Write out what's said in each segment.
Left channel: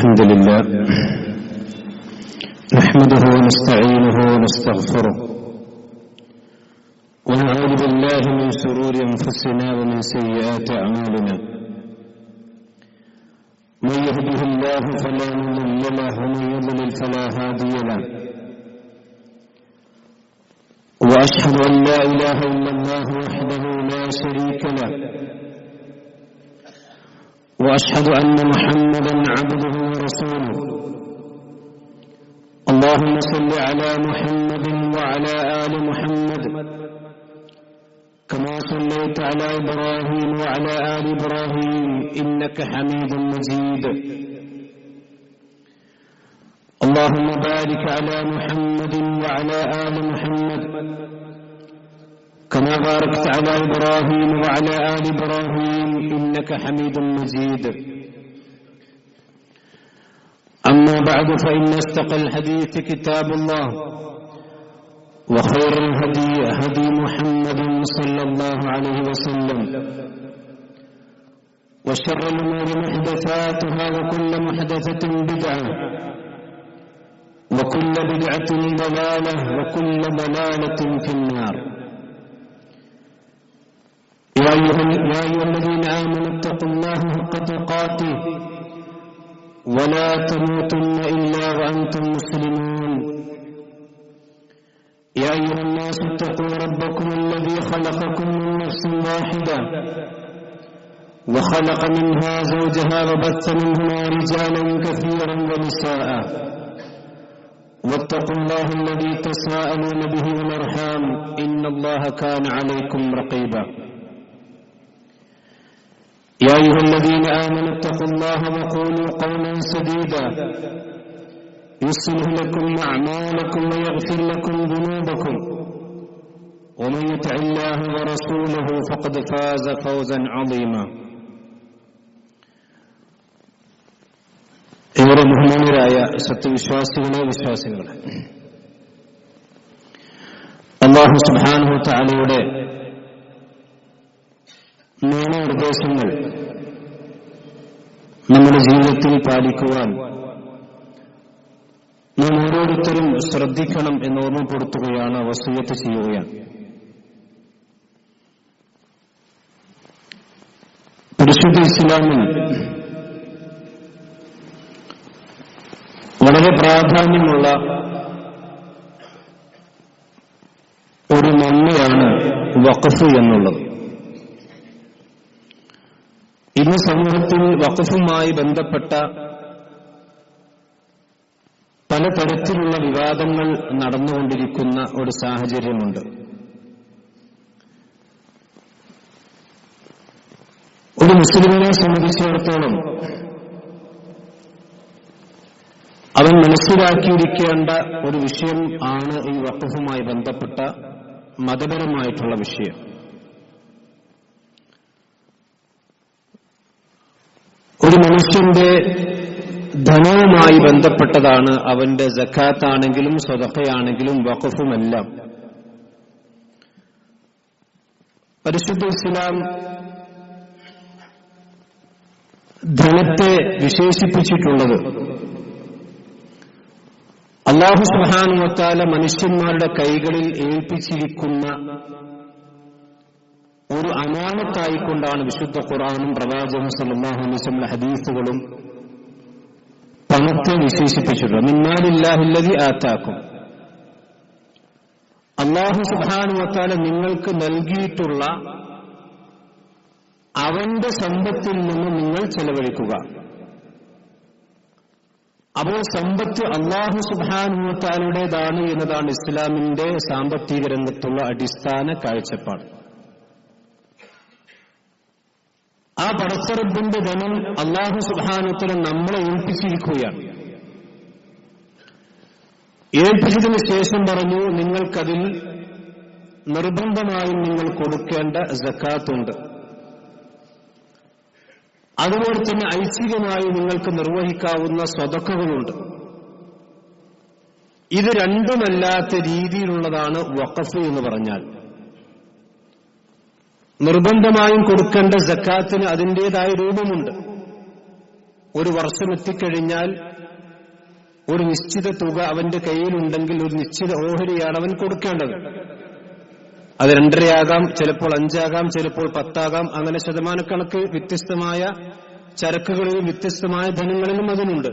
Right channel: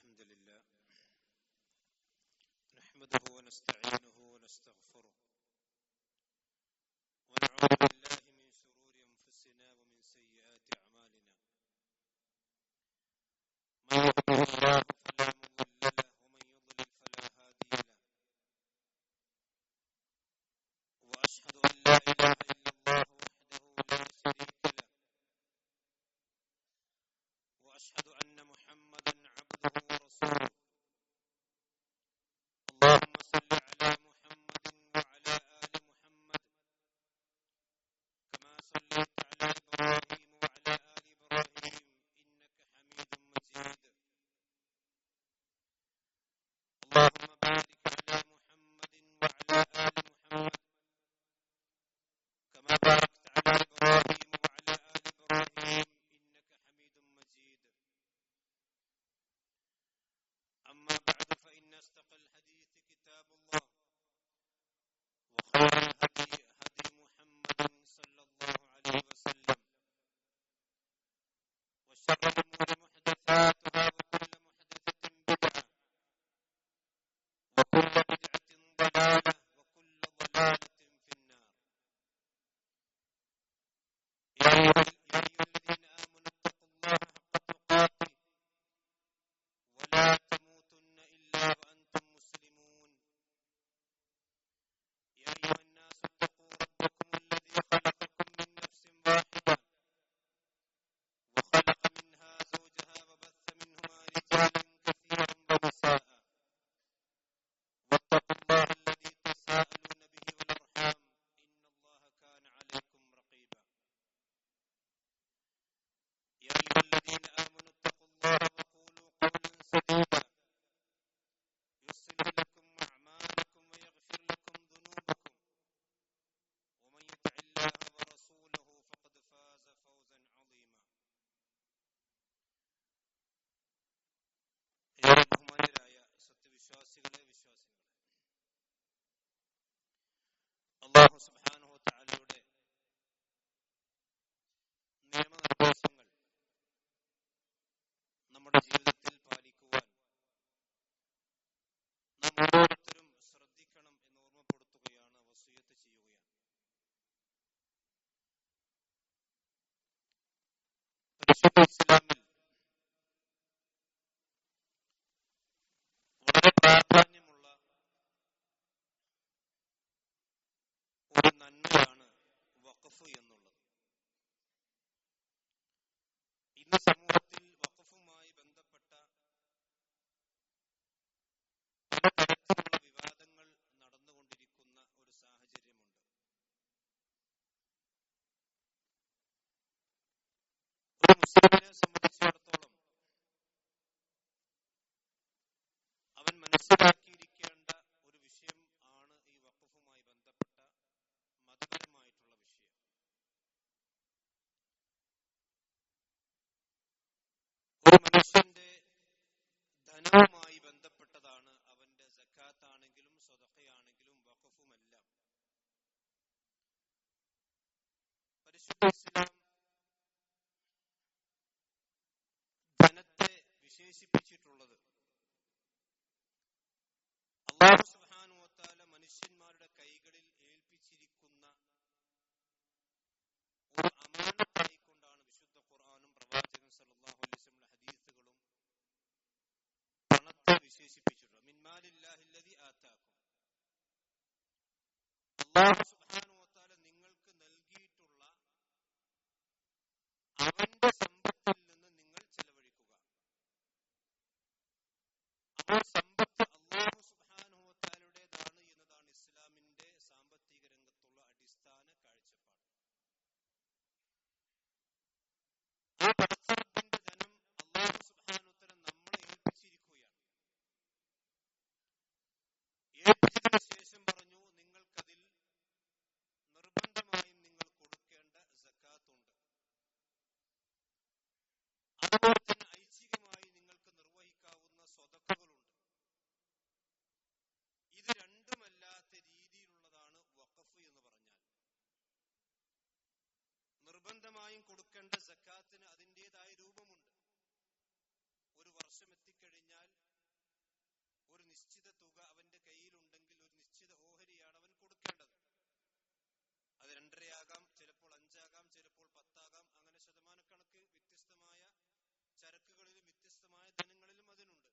الحمد لله نحمده ونستعينه ونستغفره ونعوذ بالله من شرور أنفسنا ومن سيئات أعمالنا من يهده الله فلا مضل له ومن يضلل فلا هادي له وأشهد أن لا إله إلا الله وحده لا شريك له وأشهد أن محمدا عبده ورسوله اللهم صل على محمد وعلى آل محمد كما صليت على إبراهيم وعلى آل إبراهيم إنك حميد مجيد اللهم بارك على محمد وعلى آل محمد كما باركت على إبراهيم وعلى آل إبراهيم إنك حميد مجيد أما بعد فإن أصدق الحديث كتاب الله وخير الهدي هدي محمد صلى الله عليه وسلم وشر الأمور محدثاتها وكل محدثة بدعة وكل بدعة ضلالة وكل ضلالة في النار يا أيها الذين آمنوا اتقوا الله حق تقاته ولا تموتن إلا وأنتم مسلمون يا أيها الناس اتقوا ربكم الذي خلقكم من نفس واحدة وخلق منها زوجها وبث منهما رجالا كثيرا ونساء واتقوا الله الذي تساءلون به والأرحام إن الله كان عليكم رقيبا يا أيها الذين آمنوا اتقوا الله وقولوا قولا سديدا يصلح لكم أعمالكم ويغفر لكم ذنوبكم ومن يطع الله ورسوله فقد فاز فوزا عظيما ഏറെ ബഹുമാന്യരായ സത്യവിശ്വാസികളെ വിശ്വാസികളെ അല്ലാഹു സുബ്ഹാനഹു വ തആലയുടെ നിയമനിർദ്ദേശങ്ങൾ നമ്മുടെ ജീവിതത്തിൽ പാലിക്കുവാൻ നാം ഓരോരുത്തരും ശ്രദ്ധിക്കണം എന്ന് ഓർമ്മപ്പെടുത്തുകയാണ്, വസിയ്യത്ത് ചെയ്യുകയാണ്. പരിശുദ്ധ ഇസ്ലാമിൽ വളരെ പ്രാധാന്യമുള്ള ഒരു നന്മയാണ് വഖഫ് എന്നുള്ളത്. ഇന്ന് സമൂഹത്തിൽ വഖഫുമായി ബന്ധപ്പെട്ട പലതരത്തിലുള്ള വിവാദങ്ങൾ നടന്നുകൊണ്ടിരിക്കുന്ന ഒരു സാഹചര്യമുണ്ട്. ഒരു മുസ്ലിമിനെ സംബന്ധിച്ചിടത്തോളം അവൻ മനസ്സിലാക്കിയിരിക്കേണ്ട ഒരു വിഷയം ആണ് ഈ വഖഫുമായി ബന്ധപ്പെട്ട മതപരമായിട്ടുള്ള വിഷയം. ഒരു മനുഷ്യന്റെ ധനവുമായി ബന്ധപ്പെട്ടതാണ് അവന്റെ സക്കാത്താണെങ്കിലും സദഖയാണെങ്കിലും വഖഫുമെല്ലാം. പരിശുദ്ധ ഇസ്ലാം ധനത്തെ വിശേഷിപ്പിച്ചിട്ടുള്ളത് അല്ലാഹു സുബ്ഹാനഹു വ തആല മനുഷ്യന്മാരുടെ കൈകളിൽ ഏൽപ്പിച്ചിരിക്കുന്ന ഒരു അമാനത്തായിക്കൊണ്ടാണ് വിശുദ്ധ ഖുർആനും പ്രവാചകൻ സല്ലല്ലാഹു അലൈഹി വസല്ലം ഹദീസുകളും പണത്തെ വിശേഷിപ്പിച്ചിട്ടുള്ളത്. മിന്നാലില്ലാഹില്ലദി ആതാക്കും, അല്ലാഹു സുബ്ഹാനഹു വ തആല നിങ്ങൾക്ക് നൽകിയിട്ടുള്ള അവന്റെ സമ്പത്തിൽ നിന്ന് നിങ്ങൾ ചെലവഴിക്കുക. അപ്പോൾ സമ്പത്ത് അല്ലാഹു സുബ്ഹാനഹു വ തആലയുടേതാണ് എന്നതാണ് ഇസ്ലാമിന്റെ സാമ്പത്തിക രംഗത്തുള്ള അടിസ്ഥാന കാഴ്ചപ്പാട്. ആ പടച്ചറബിന്റെ ധനം അല്ലാഹു സുബ്ഹാനഹു വ തആല നമ്മളെ ഏൽപ്പിച്ചിരിക്കുകയാണ്. ഏൽപ്പിച്ചതിന് ശേഷം പറഞ്ഞു, നിങ്ങൾക്കതിൽ നിർബന്ധമായും നിങ്ങൾ കൊടുക്കേണ്ട സക്കാത്തുണ്ട്. അതുപോലെ തന്നെ ഐച്ഛികമായി നിങ്ങൾക്ക് നിർവഹിക്കാവുന്ന സ്വതക്കകളുണ്ട്. ഇത് രണ്ടുമല്ലാത്ത രീതിയിലുള്ളതാണ് വഖഫ് എന്ന് പറഞ്ഞാൽ. നിർബന്ധമായും കൊടുക്കേണ്ട സക്കാത്തിന് അതിൻ്റെതായ രൂപമുണ്ട്. ഒരു വർഷം എത്തിക്കഴിഞ്ഞാൽ ഒരു നിശ്ചിത തുക അവന്റെ കയ്യിലുണ്ടെങ്കിൽ ഒരു നിശ്ചിത ഓഹരിയാണ് അവൻ കൊടുക്കേണ്ടത്. അത് 2.5 ചിലപ്പോൾ 5 ചിലപ്പോൾ 10 അങ്ങനെ ശതമാനക്കണക്ക് വ്യത്യസ്തമായ ചരക്കുകളിലും വ്യത്യസ്തമായ ധനങ്ങളിലും അതിനുണ്ട്.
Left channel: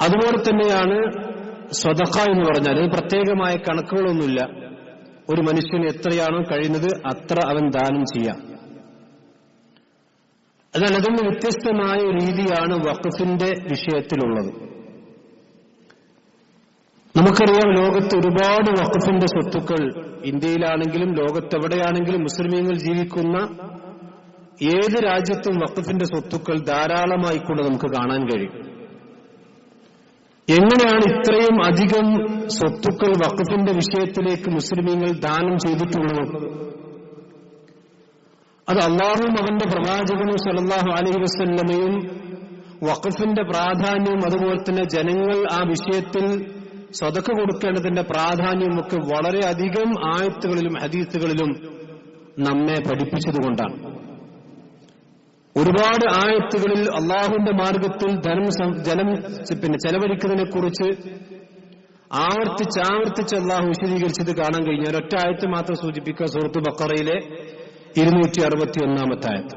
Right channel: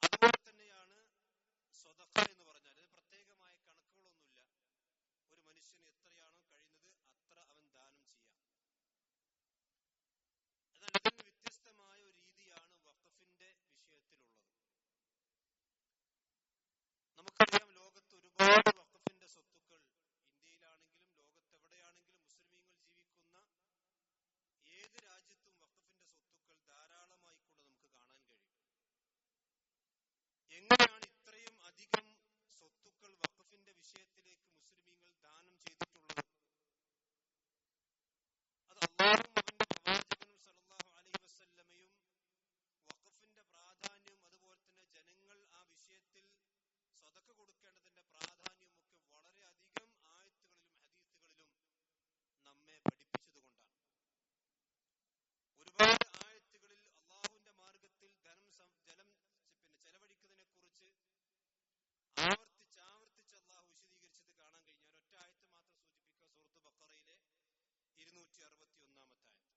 അതുപോലെ തന്നെയാണ് സ്വതഖ എന്ന് പറഞ്ഞാൽ ഇത് പ്രത്യേകമായ കണക്കുകളൊന്നുമില്ല. ഒരു മനുഷ്യന് എത്രയാണോ കഴിയുന്നത് അത്ര അവൻ ദാനം ചെയ്യാം. എന്നാൽ അതിന് വ്യത്യസ്തമായ ഒരു രീതിയാണ് വഖഫിന്റെ വിഷയത്തിലുള്ളത്. നമുക്കറിയാം, ലോകത്ത് ഒരുപാട് വഖഫിന്റെ സ്വത്തുക്കൾ ഇന്ത്യയിലാണെങ്കിലും ലോകത്തെവിടെയാണെങ്കിലും മുസ്ലിമീങ്ങൾ ജീവിക്കുന്ന ഏത് രാജ്യത്തും വഖഫിന്റെ സ്വത്തുക്കൾ ധാരാളമായിക്കൊണ്ട് നമുക്ക് കാണാൻ കഴിയും. എങ്ങനെയാണ് ഇത്രയും അധികം സ്വത്തുക്കൾ വഖഫിന്റെ വിഷയത്തിലേക്ക് മുസ്ലിമീങ്ങൾ ദാനം ചെയ്തിട്ടുള്ളത്? അത് അല്ലാഹുവും അവന്റെ പ്രവാചകനും സല്ലല്ലാഹു അലൈഹി വസല്ലമയും വഖഫിന്റെ പ്രാധാന്യവും അതുപോലെ തന്നെ ജനങ്ങൾ ആ വിഷയത്തിൽ സദഖ കൊടുക്കേണ്ടതിന്റെ പ്രാധാന്യമൊക്കെ വളരെയധികം ആയത്തുകളിലും ഹദീസുകളിലും നമ്മെ പഠിപ്പിച്ചതുകൊണ്ടാണ്. ഒരുപാട് ആയത്തുകളിൽ അള്ളാഹുവിന്റെ മാർഗത്തിൽ ജനം ചെലവഴിക്കുന്നതിനെ കുറിച്ച് ആവർത്തിച്ച് അള്ളാഹു വിശദീകരിച്ചത് കാണാൻ കഴിഞ്ഞു. ഒരൊറ്റ ആയത്ത് മാത്രം സൂചിപ്പിക്കുക, സൂറത്ത് ബഖറയിലെ 261 ആയത്ത്.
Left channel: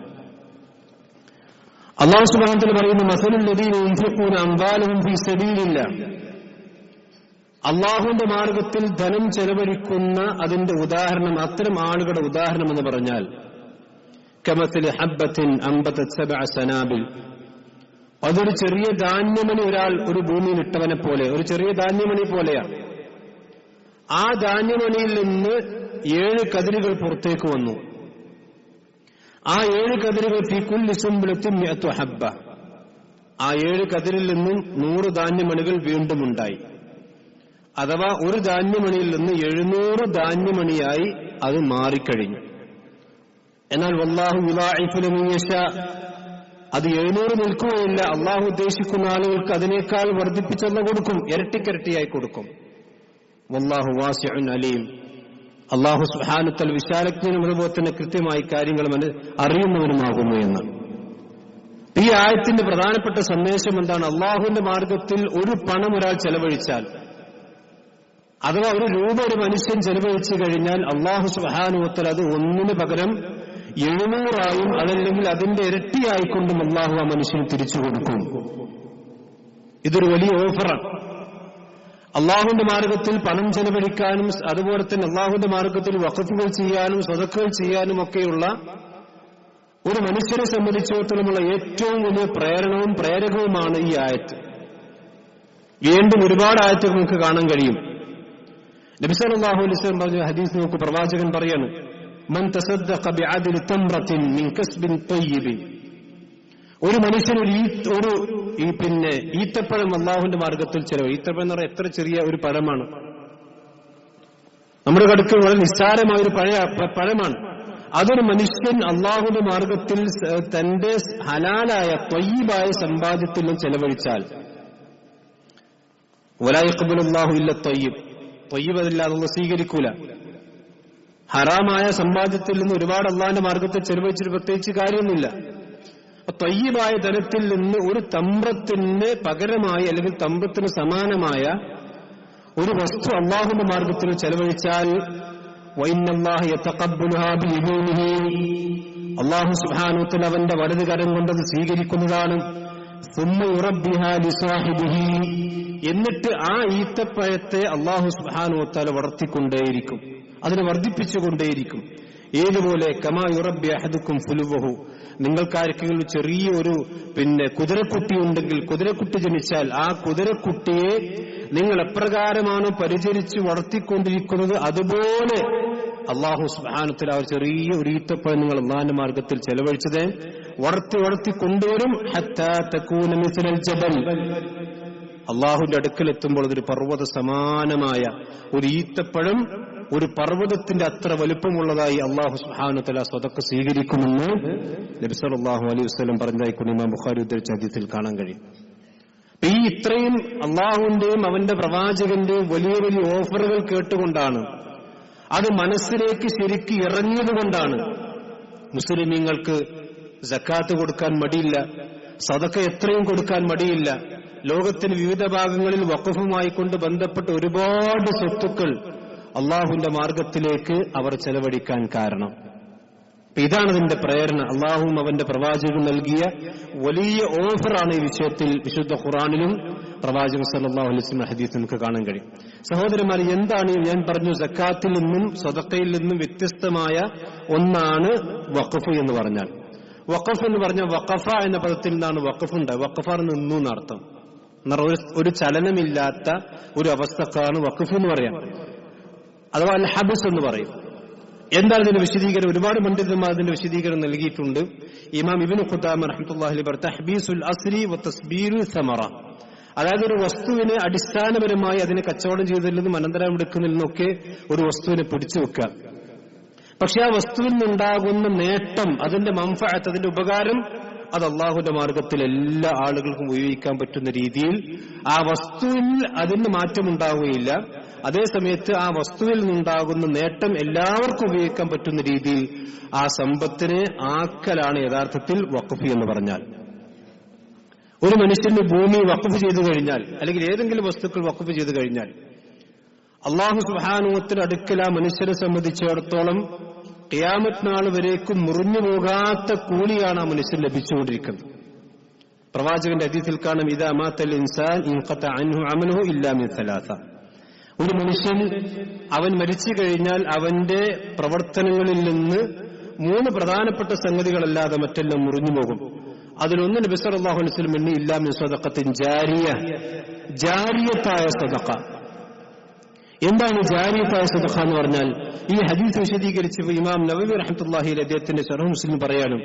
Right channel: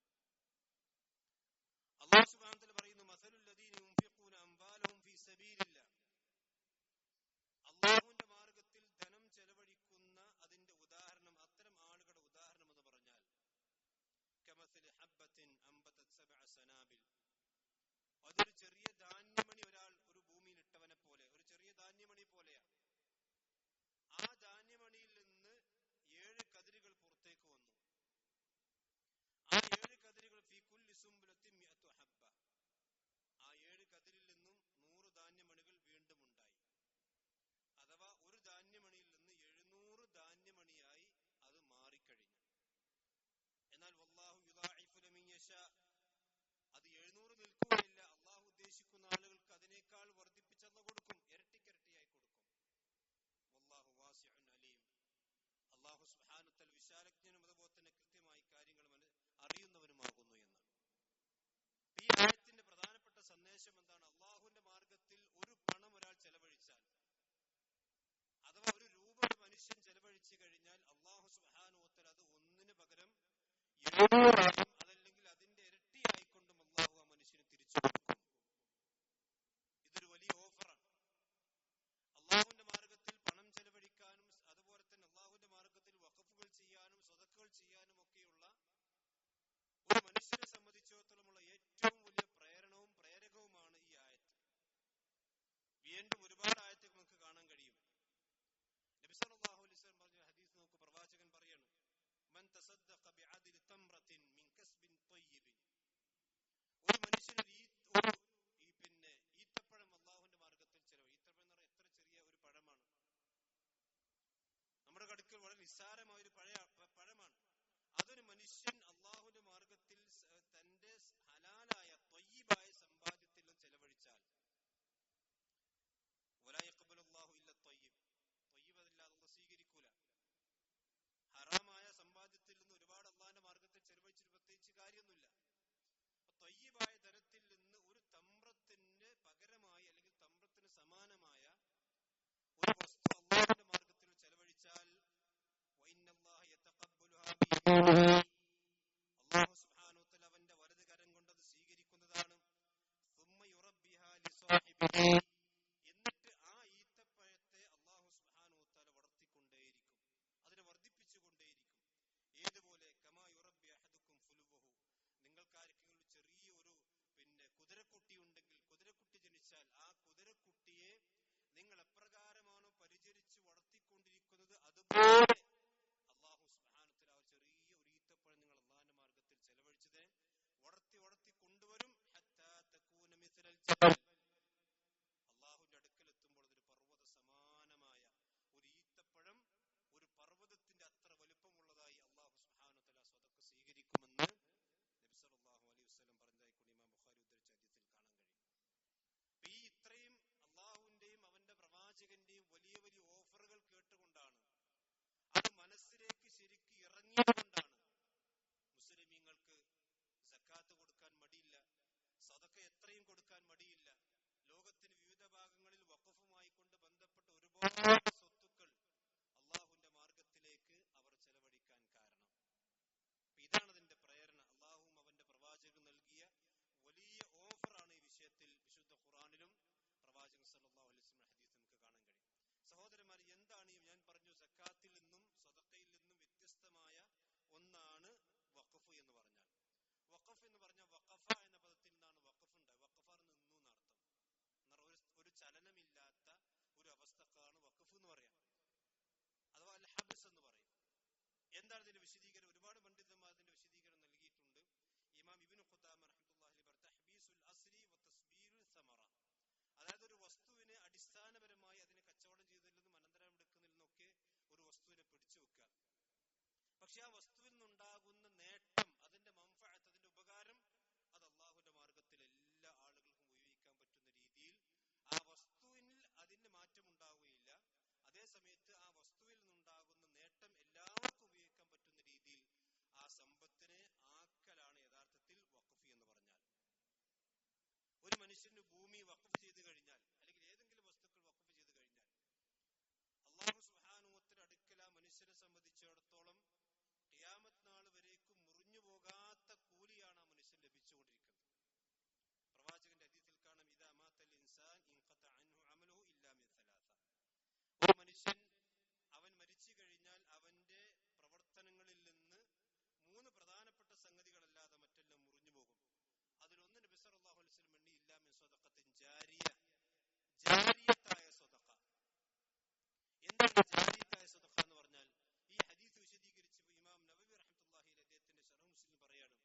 അള്ളാഹു സുബ്ഹാനഹു വ തആല പറയുന്നു, മസലുൽ ലദീന യുൻഫിഖൂന അംവാലഹും ഫീ സബീലില്ലാഹ്. അള്ളാഹുവിന്റെ മാർഗത്തിൽ ധനം ചെലവഴിക്കുന്ന അതിന്റെ ഉദാഹരണം, അത്തരം ആളുകളുടെ ഉദാഹരണം എന്ന് പറഞ്ഞാൽ കമസലി ഹബ്ബത്തിൻ അംബതത് സബഅ സനാബിൽ. അതൊരു ചെറിയ ധാന്യമണി ഒരാൾ ഒരു ഭൂമിയിൽ ഇട്ടവനെ പോലെ, ഒരു ചെറിയ ധാന്യമണി പോലെയാണ്. ആ ധാന്യമണിയിൽ നിന്ന് 7 കതിരുകൾ പുറത്തേക്ക് വന്നു. ആ 7 കതിരുകൾ ഫീ കുല്ലി സുംബുലത്തിൻ മിഅതു ഹബ്ബ. ആ 7 കതിരിൽ നിന്നും 100 ധാന്യമണികൾ വീണ്ടും ഉണ്ടായി. അഥവാ ഒരു ധാന്യമണിയിൽ നിന്ന് 700 ധാന്യമണിയായി അത് മാറിക്കഴിഞ്ഞു. എന്നാൽ വല്ലാഹു യുളാഇഫു ലിമൻ യശാ, അത് 700 നിൽക്കുകയില്ല. അള്ളാഹു ഉദ്ദേശിക്കുന്ന ആളുകൾക്ക് അതിനേക്കാൾ വർദ്ധിപ്പിച്ചല്ല കൊടുക്കും, ഇരട്ടിക്കിരട്ടിയായി കൊടുക്കും. വല്ലാഹു വാസിഉൻ അലീം. അള്ളാഹു സുബ്ഹാനഹു വ തആല വിശാലജ്ഞനും അതുപോലെ തന്നെ കൃത്യമായി കാര്യങ്ങൾ അറിയുന്നവനുമാകുന്നു എന്നാണ്. ഈ ആയത്തിന്റെ പ്രധാനപ്പെട്ട സന്ദേശം എന്താണ്? അള്ളാഹുവിന്റെ മാർഗത്തിൽ ഒരു പണം ഒരാൾ ചെലവഴിച്ചാൽ, അഥവാ ഒരു രൂപ ഒരു മനുഷ്യൻ ചെലവഴിച്ചു കഴിഞ്ഞാൽ അള്ളാഹു സുബ്ഹാനഹു വ തആല അത് ഒന്നിന് പകരം 700 അതല്ലെങ്കിൽ അതിന്റെ ഇരട്ടിയായിക്കൊണ്ടും അള്ളാഹു ആ മനുഷ്യന് തിരിച്ചു കൊടുക്കും. ഇതൊരു വലിയ ഓഫറാണ്. അള്ളാഹുവിന്റെ മാർഗത്തിൽ പണം ചെലവഴിക്കാനും അതുപോലെ തന്നെ അള്ളാഹുവിന്റെ മാർഗത്തിൽ വഖഫുകൾ ചെയ്യാനും സ്വതക്കകൾ ചെയ്യാനും ഒക്കെയുള്ള ഒരു മനുഷ്യനെ സംബന്ധിച്ചിടത്തോളമുള്ള ഏറ്റവും വലിയ പ്രേരകവുമാണ് ഈ ആയത്ത്. വീണ്ടും ഒരുപാട് ആയത്തുകൾ നമുക്ക് കാണാൻ കഴിയും. നബി സല്ലല്ലാഹു അലൈഹി വസല്ലം പറഞ്ഞ ഹദീസ് നോക്കൂ, പ്രവാചകൻ പറയാണ്, മൻ തസദ്ദഖ ബിഅദ്ലി തംറത്തിൻ മിൻ കസ്ബിൻ തയ്യിബിൻ. ഒരു മനുഷ്യൻ ഒരു ഈത്തപ്പഴം അള്ളാഹുവിന്റെ മാർഗത്തിൽ ചെലവ്. ഈത്തപ്പഴം എന്ന് പറഞ്ഞാൽ എത്ര ചെറിയ ഒരു പഴമാണ്. നമ്മുടെ കടുക്കൽ വളരെ നിസ്സാരമായ ഒരു പഴമാണ്. അതൊരു മനുഷ്യൻ അള്ളാഹുവിന്റെ മാർഗത്തിൽ തന്റെ ഹലാലായ ത്വയ്യിബായ സമ്പാദ്യത്തിൽ നിന്നും ചെലവഴിച്ചാൽ, വലാ യഖ്ബലുല്ലാഹു ഇല്ല ത്വയ്യിബ്, ത്വയ്യിബ് അതില്ലാതെ അല്ലാഹു സ്വീകരിക്കൂല. ഹറാമായ സമ്പാദ്യത്തിൽ നിന്ന് ഒരുപാട് അള്ളാഹിന്റെ മാർഗത്തിൽ ചെലവഴിച്ചിട്ട് പ്രത്യേകിച്ച് കാര്യമൊന്നുമില്ല. ത്വയ്യിബായ ധനത്തിൽ നിന്ന് ഒരു തമ്രത്തിന് പകരമായി അല്ലെങ്കിൽ തമ്രത്തിന് സമാനമായ ഒരു വസ്തു അള്ളാഹുവിന്റെ മാർഗത്തിൽ ചെലവഴിച്ചാൽ വഇന്നല്ലാഹ യതഖബ്ബലുഹാ ബിയമീനിഹി, അള്ളാഹു സുബ്ഹാനഹു വ തആല അവന്റെ വലത് കരം കൊണ്ടത് സ്വീകരിക്കുന്നതാണ്. സുമ്മ യുറബ്ബിഹാ ലിസാഹിബിഹി, എന്നിട്ട് ആ ഈത്തപ്പഴത്തെ അള്ളാഹു സുബ്ഹാനഹു വ തആല വളർത്തിക്കൊണ്ടേയിരിക്കും, അതിനെ വർദ്ധിപ്പിച്ചുകൊണ്ടേയിരിക്കും. ഏതുപോലെ കമാ യുറബ്ബി അഹദുക്കും ഫുലുവഹു, നിങ്ങൾക്കാർക്കെങ്കിലും ചെറിയ ഒരു കുതിരക്കുട്ടി ഉണ്ടെങ്കിൽ, കുതിരക്കുട്ടി ജനിച്ചാൽ ആ കുതിരക്കുട്ടിയെ നിങ്ങൾ എപ്രകാരമാണോ പരിചരിച്ച് വളർത്തിക്കൊണ്ടിരിക്കുന്നത് അതുപോലെ അള്ളാഹു സുബ്ഹാനഹു വ തആല ഒരു ചെറിയ ഒരു ഈത്തപ്പഴം നിങ്ങൾ അള്ളാഹിന്റെ മാർഗത്തിൽ ചെലവഴിച്ചത് വളർത്തി കൊണ്ടുവരും. ഹത്താ തകൂന മിസ്ലൽ ജബൽ, അള്ളാഹുവിന്റെ അടുക്കലെത്തുമ്പോൾ അതൊരു പർവ്വത സമാനമായ ഒരു ഈത്തപ്പഴം ഒരു പർവ്വതത്തിന്റെ അത്ര വലുപ്പമുള്ളതായി അള്ളാഹു സുബ്ഹാനഹു വ തആല സ്വതക്ക സ്വീകരിക്കുമെന്ന് നബി സല്ലല്ലാഹു അലൈഹി വസല്ലം പറഞ്ഞതായി ഇമാം ബുഖാരി ഉദ്ധരിച്ച ഹദീസിൽ കാണാൻ കഴിയും. ഈ ഇത്രയും അള്ളാഹുവിന്റെയും അവന്റെ പ്രവാചകന്റെയും വലിയ വലിയ ഓഫറുകൾ കേട്ടുകൊണ്ടാണ്, അത് മനസ്സിലേക്ക് ശരിക്ക് ഇറങ്ങിയതുകൊണ്ടാണ് മുസ്ലിമീങ്ങൾക്ക് സക്കാത്ത് കൊടുക്കാൻ മടിയില്ല, സദക്ക എത്രയും കൊടുക്കാൻ മടിയില്ല. ലോകത്തിന് വിവിധ ഭാഗങ്ങളിൽ വഖഫുമായി കൊണ്ട് ബന്ധപ്പെട്ട ഒരുപാട് സ്വത്തുക്കൾ അള്ളാഹുവിന്റെ മാർഗത്തിലേക്ക് അവർ ചെലവഴിക്കാൻ കാരണം. ഇതാണ് അതിന്റെ പ്രേരണ. അള്ളാഹുവും അവന്റെ പ്രവാചകനും നൽകിയ വലിയ ഓഫറാണ് ഈ വിഷയത്തിൽ വിശുദ്ധ ഖുർആനിലും പ്രവാചകൻ സല്ലല്ലാഹു അലൈഹി വസല്ലം ഹദീസിൽ നമുക്ക് കാണാൻ കഴിയും. സഹോദരന്മാർ, എന്താണ് ഞാൻ പറഞ്ഞു, സക്കാത്തിൽ നിന്നും സദഖയിൽ നിന്നും വ്യത്യസ്തമായ ഒന്നാണ് വഖഫ് എന്ന് പറഞ്ഞാൽ. വഖഫ് എന്ന് പറഞ്ഞാൽ വഖഫ എന്ന പദത്തിൽ നിന്നാണ് വഖഫ് ഉണ്ട്. വഖഫ നിന്നു എന്നർത്ഥം. ഒരു ചലനമില്ലാത്ത ഒരു അവസ്ഥക്കാണ് വഖഫ് എന്ന് പറയാം, അഥവാ അൽ ഹബ്സ് എന്ന് പറയും. എന്താണ് ഇതിന്റെ വിശദീകരണം? ഒരുപാട് പണ്ഡിതന്മാർ അതിന്റെ വിശദീകരണം നൽകിയിട്ടുണ്ട്. ഇമാം ഇബ്നു ഖുദാമ റഹ്മത്തുള്ളാഹി അലൈഹി തഹ്ബീസുൽ അസ്രി വ തസ്ബീറു സമറ, അതായത് ഒരു വസ്തുവിനെ അടിസ്ഥാനപരമായി അതിനെ കച്ചവടം ചെയ്തതിൽ നിന്നും അനന്തരം എടുക്കുന്നതിൽ നിന്നൊക്കെ ഒരു വസ്തുവിനെ പിടിച്ചു വെക്കുക. പക്ഷെ ആ വസ്തുവിൽ നിന്നുണ്ടാകുന്ന നേട്ടം, അതിന്റെ മൻഫഅത്ത്, അതിന്റെ ഉപകാരം, അത് അള്ളാഹുവിന്റെ മാർഗത്തിൽ എല്ലാ ആളുകൾക്കും ഉപയോഗിക്കാൻ പറ്റുന്ന രീതിയിൽ ആ വസ്തുവിൽ അതിന് മാറ്റമുണ്ടാവുകയില്ല. അതേസമയത്ത് ആ വസ്തുവിൽ നിന്നുണ്ടാകുന്ന നേട്ടം എല്ലാവർക്കും ഉപയോഗിക്കാൻ പറ്റുന്ന രീതിയിൽ ആ സമ്പത്തിനെ ആക്കലാണ് യഥാർത്ഥത്തിൽ വഖഫ് എന്ന് പറഞ്ഞാൽ. ഒരു മനുഷ്യന് ഭൂമി വഖഫ് ചെയ്തു കഴിഞ്ഞാൽ, അല്ലെങ്കിൽ ഏതെങ്കിലും വസ്തുക്കൾ വഖഫ് ചെയ്തു കഴിഞ്ഞാൽ, അല്ലാഹു സുബ്ഹാനഹു വ തആല അടുക്കൽ ആ മനുഷ്യരെ സംബന്ധിച്ചിടത്തോളം ഖിയാമത്ത് നാൾ വരേക്കും മുറിഞ്ഞു പോകാത്ത കൂലിയാണ് ആ മനുഷ്യൻ ലഭിച്ചുകൊണ്ടിരിക്കുന്നത്. പ്രവാചകന്റെ ഹദീസിൽ കാണും, ഇദാ മാതൽ ഇൻസാൻ ഇൻഖത അൻഹു അമലുഹു ഇല്ലാ മിൻ സലാസ. ഒരു മനുഷ്യൻ അവൻ മരിച്ചു കഴിഞ്ഞാൽ അവന്റെ പ്രവർത്തനങ്ങളിൽ നിന്ന് 3 പ്രധാനപ്പെട്ട സംഗതികളല്ലാതെ മറ്റെല്ലാം മുറിഞ്ഞു പോകും. അതിലൊന്ന് നബി സല്ലല്ലാഹു അലൈഹി വസല്ലം എണ്ണി, ഇല്ലാ മിൻ സദഖത്തിൻ ജാരിയ, ജാരിയത്തായ സദഖ. എന്താണ് ജാരിയത്തായ സദഖ എന്ന് പറഞ്ഞാൽ? ഈ ഹദീസ് വിശദീകരിച്ചപ്പോൾ ഇമാം നവവി റഹ്മത്തുള്ളാഹി അലൈഹി അദ്ദേഹത്തിന്റെ ശർഹ് മുസ്ലിം പറയാനും,